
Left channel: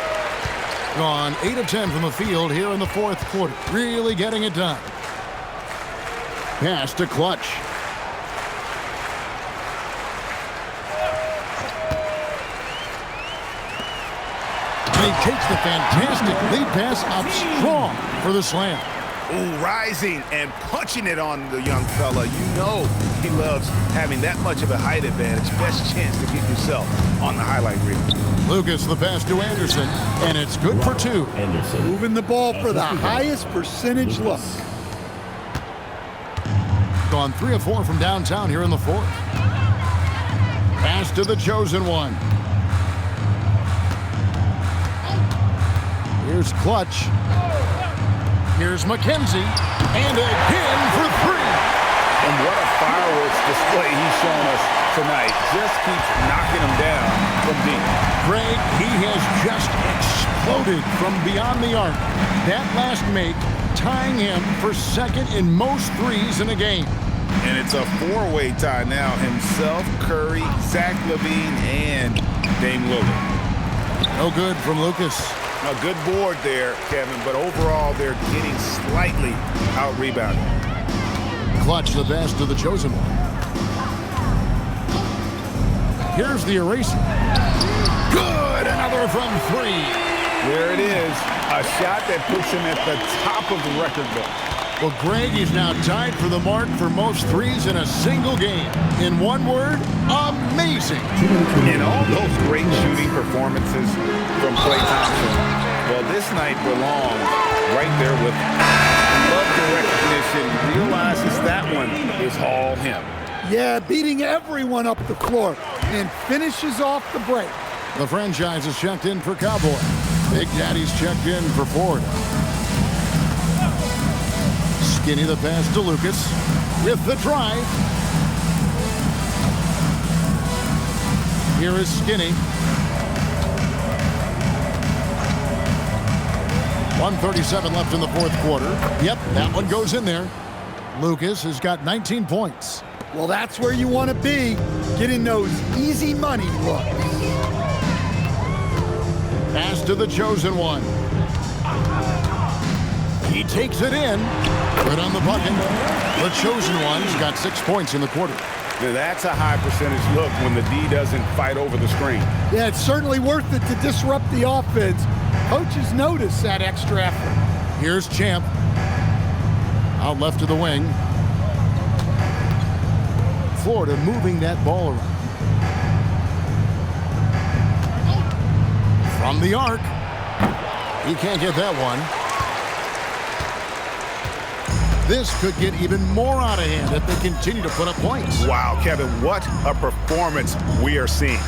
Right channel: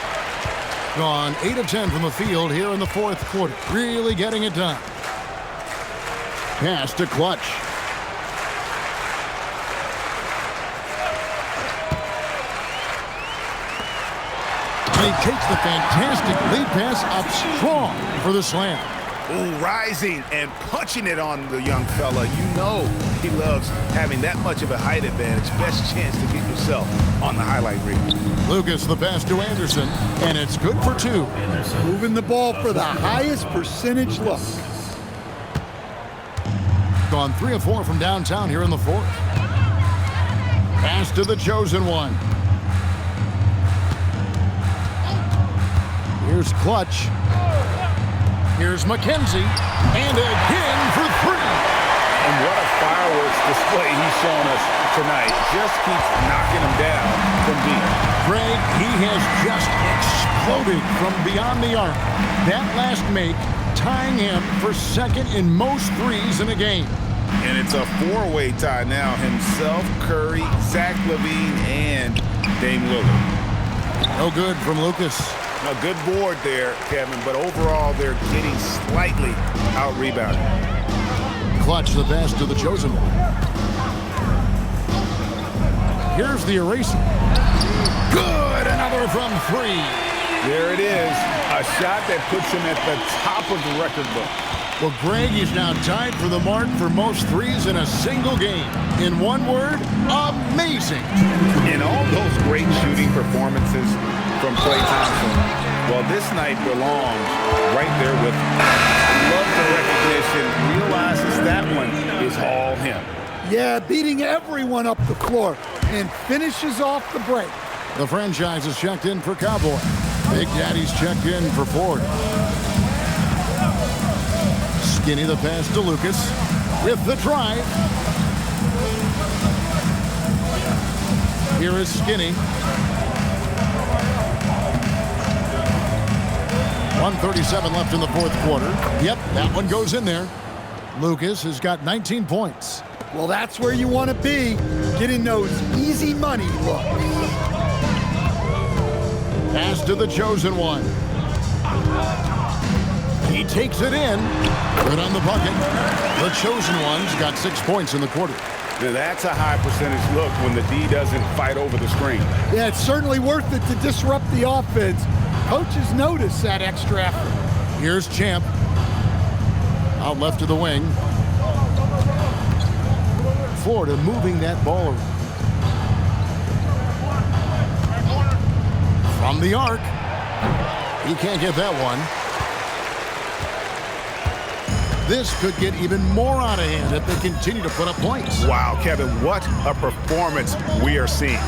Gone 8 of 10 from the field here in the fourth quarter. Really getting it done. Pass to Clutch. And he takes the fantastic lead pass up strong for the slam. Ooh, rising and punching it on the young fella. You know he loves having that much of a height advantage. Best chance to get yourself on the highlight reel. Lucas the pass to Anderson, and it's good for 2. Anderson. Moving the ball for the highest percentage look. Gone 3 of 4 from downtown here in the fourth. Pass to the chosen one. Here's Clutch. Here's McKenzie. And again for 3. And what a fireworks display he's shown us tonight. Just keeps knocking them down from deep. Greg, he has just exploded from beyond the arc. That last make tying him for second in most threes in a game. And it's a four-way tie now. Himself, Curry, Zach LaVine, and Dame Lillard. No good from Lucas. A good board there, Kevin, but overall they're getting slightly out-rebounded. Clutch the pass to the chosen one. Here's the eraser. Good! Another from three. There it is. A shot that puts him at the top of the record book. Well, Greg is now tied for the mark for most threes in a single game. In one word, amazing. In all those great shooting performances from Klay Thompson, well, this night belongs right there with him. Love the recognition, realizes that one is all him. Yeah, beating everyone up the floor and finishes off the break. The franchise is checked in for Cowboy. Big Daddy's checked in for Ford. Skinny the pass to Lucas with the drive. Here is Skinny. 1:37 left in the fourth quarter. Yep, that one goes in there. Lucas has got 19 points. Well, that's where you want to be, getting those easy money looks. Pass to the chosen one. He takes it in. Good on the bucket. The chosen one's got 6 points in the quarter. Now that's a high percentage look when the D doesn't fight over the screen. Yeah, it's certainly worth it to disrupt the offense. Coaches notice that extra effort. Here's Champ. Out left to the wing. Florida moving that ball around. From the arc. He can't get that one. This could get even more out of hand if they continue to put up points. Wow, Kevin, what a performance we are seeing.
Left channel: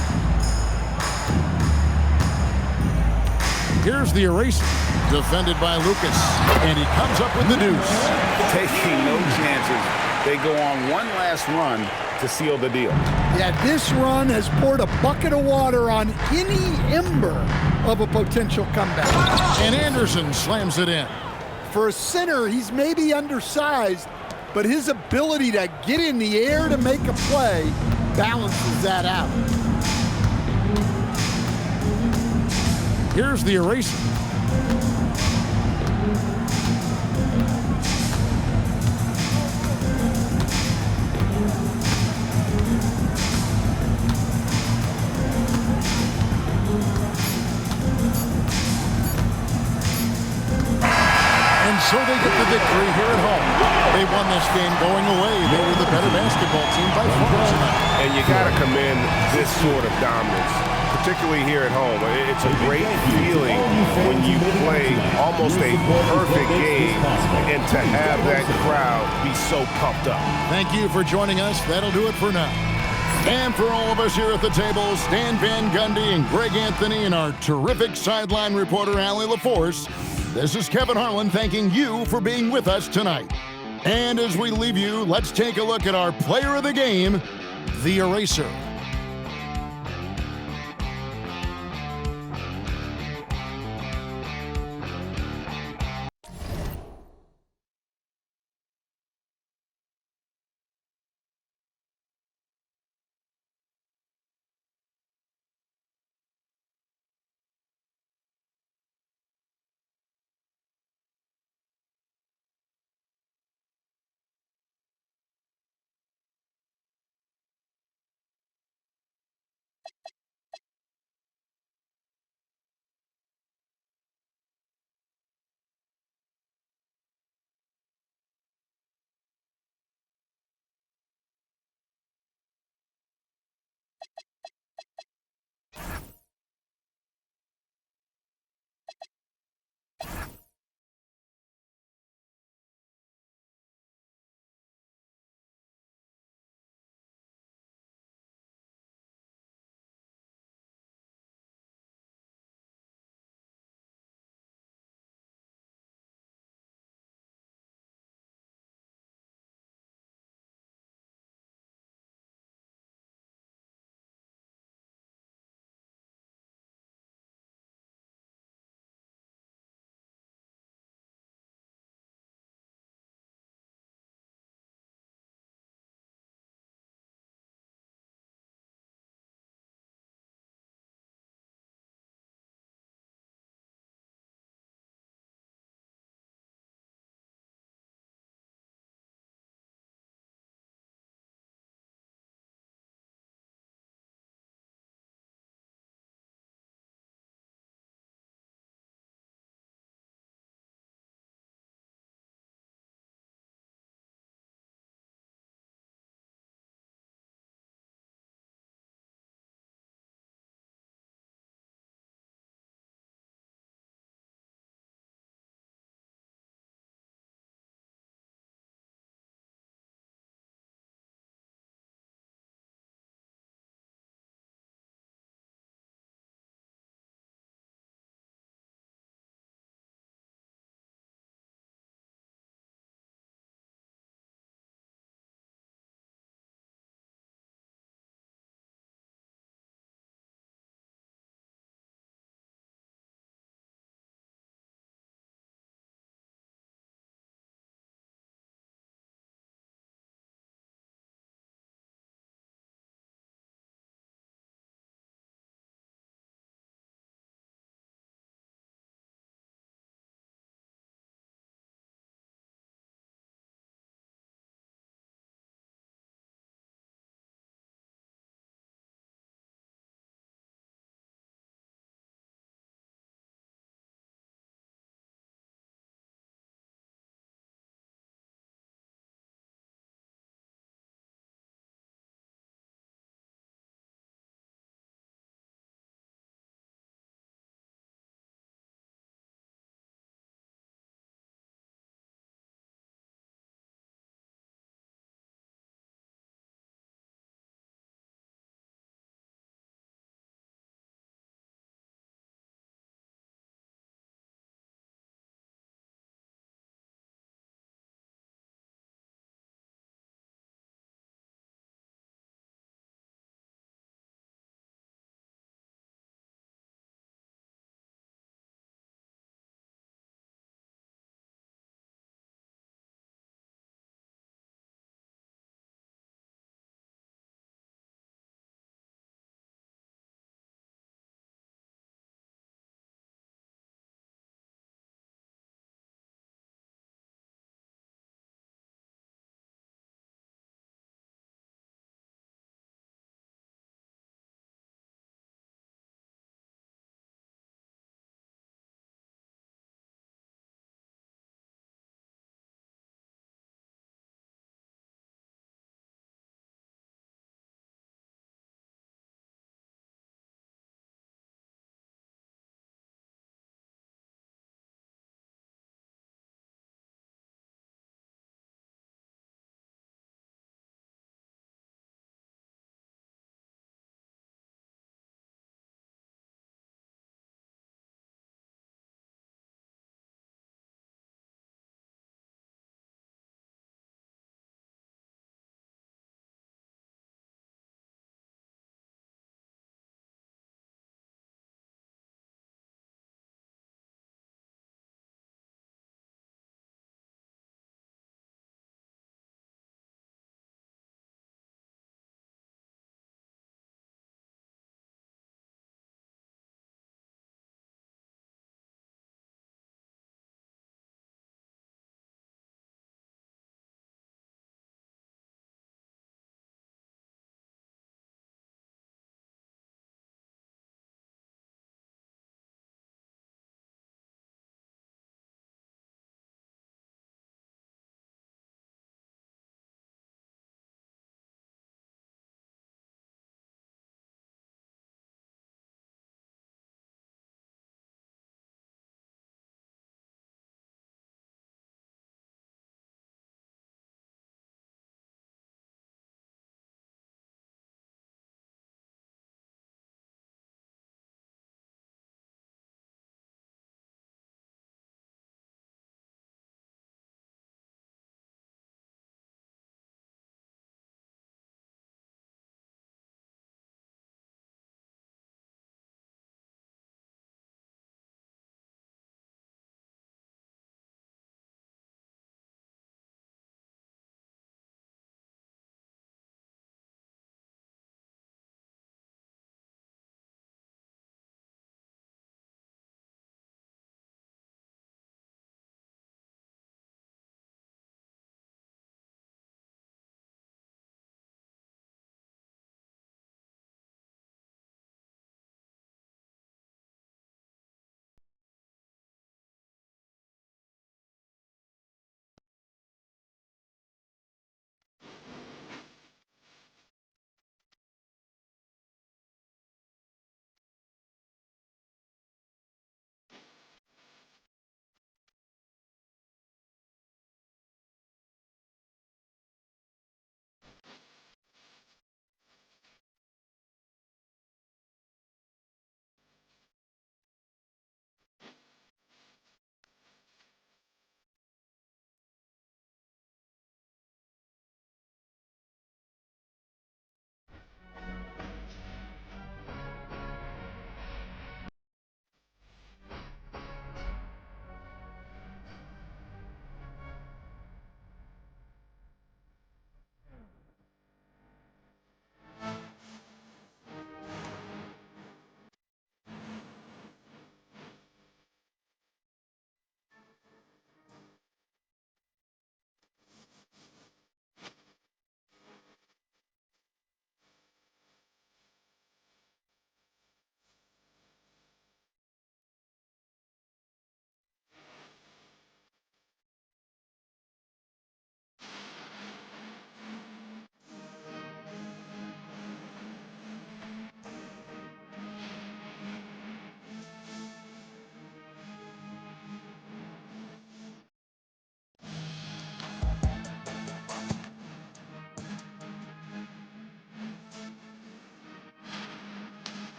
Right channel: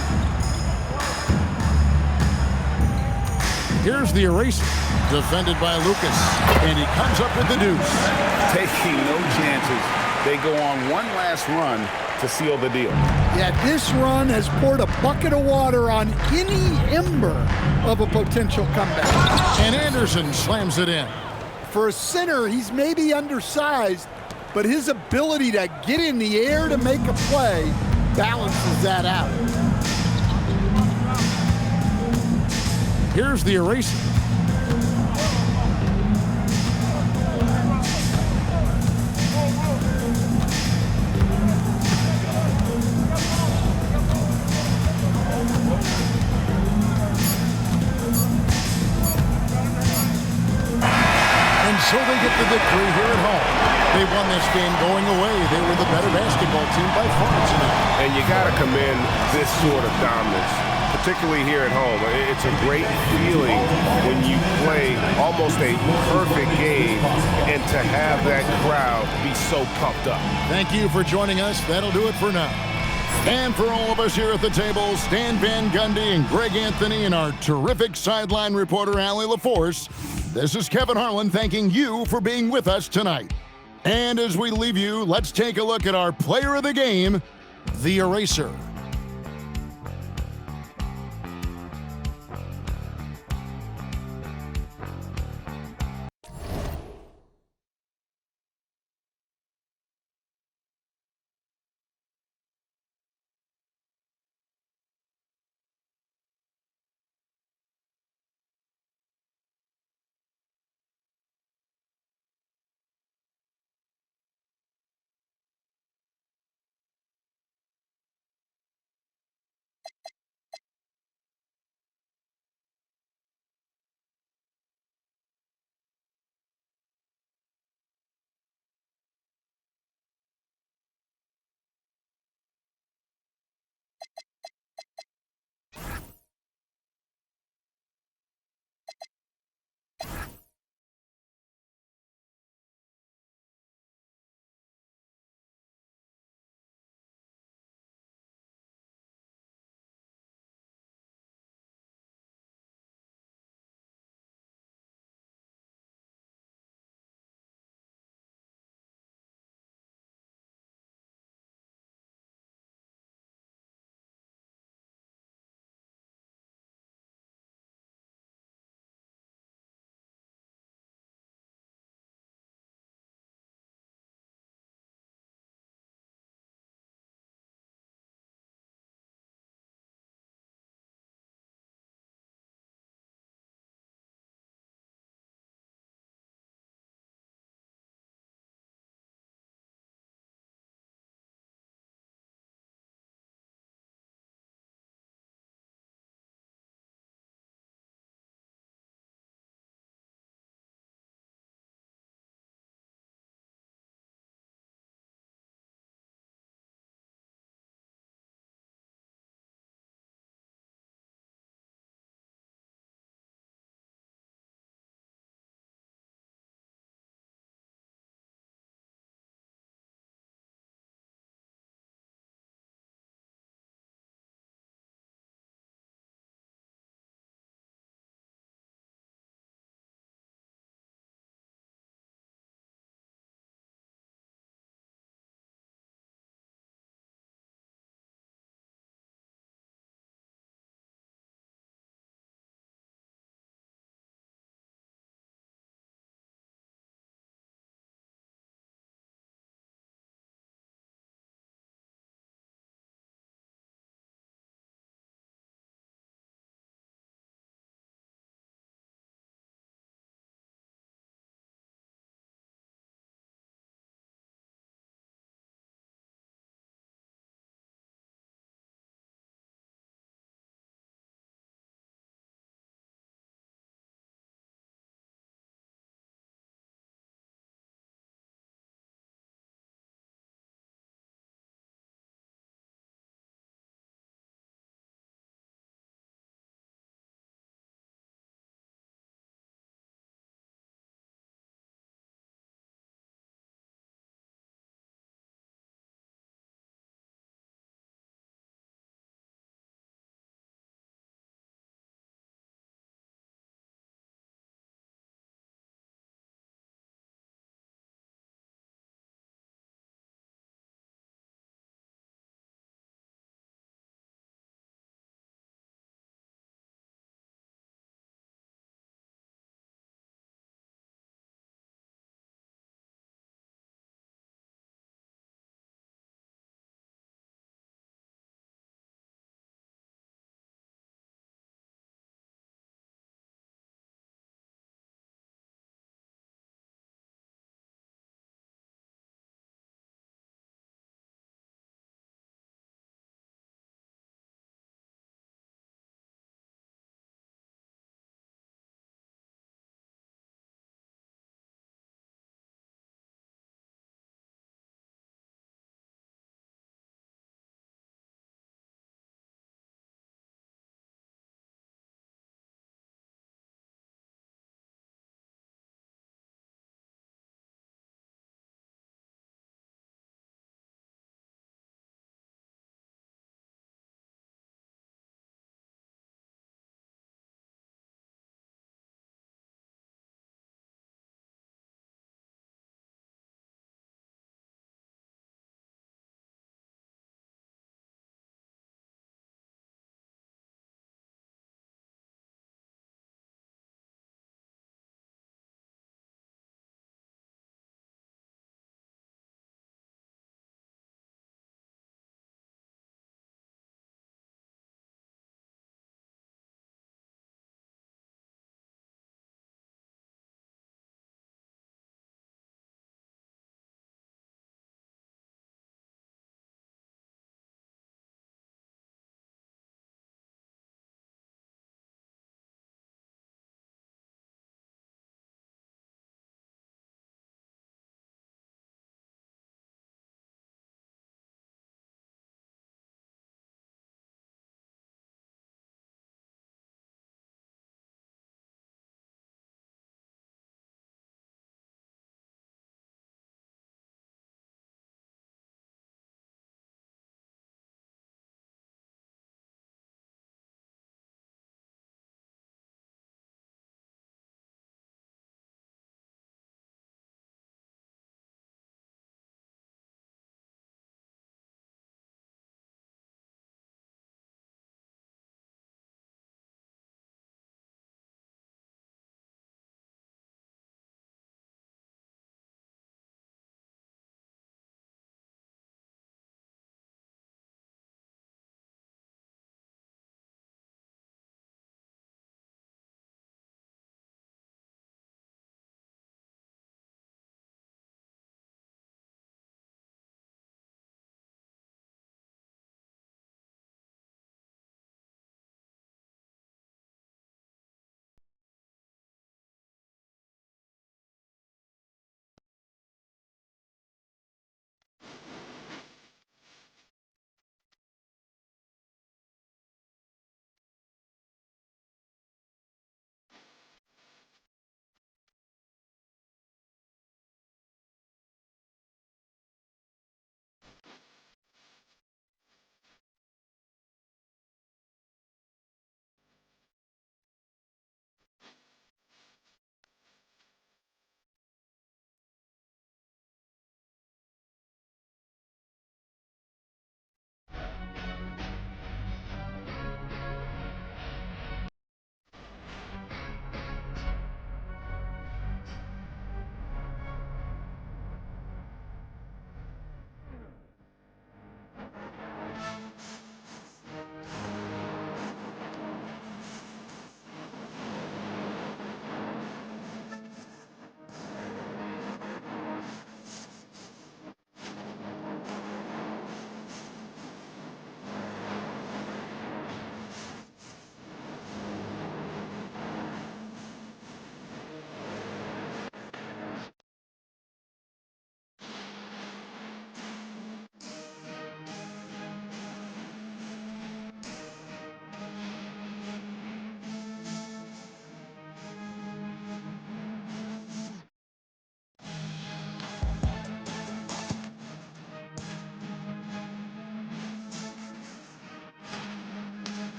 Here's the eraser. Defended by Lucas. And he comes up with the deuce. Taking no chances. They go on one last run to seal the deal. Yeah, this run has poured a bucket of water on any ember of a potential comeback. And Anderson slams it in. For a center, he's maybe undersized, but his ability to get in the air to make a play balances that out. Here's the eraser. And so they get the victory here at home. They won this game going away. They were the better basketball team by far tonight. And you got to commend this sort of dominance, particularly here at home. It's a great feeling when you play almost a perfect game and to have that crowd be so pumped up. Thank you for joining us. That'll do it for now. And for all of us here at the table, Stan Van Gundy and Greg Anthony and our terrific sideline reporter, Allie LaForce, this is Kevin Harlan thanking you for being with us tonight. And as we leave you, let's take a look at our player of the game, the eraser.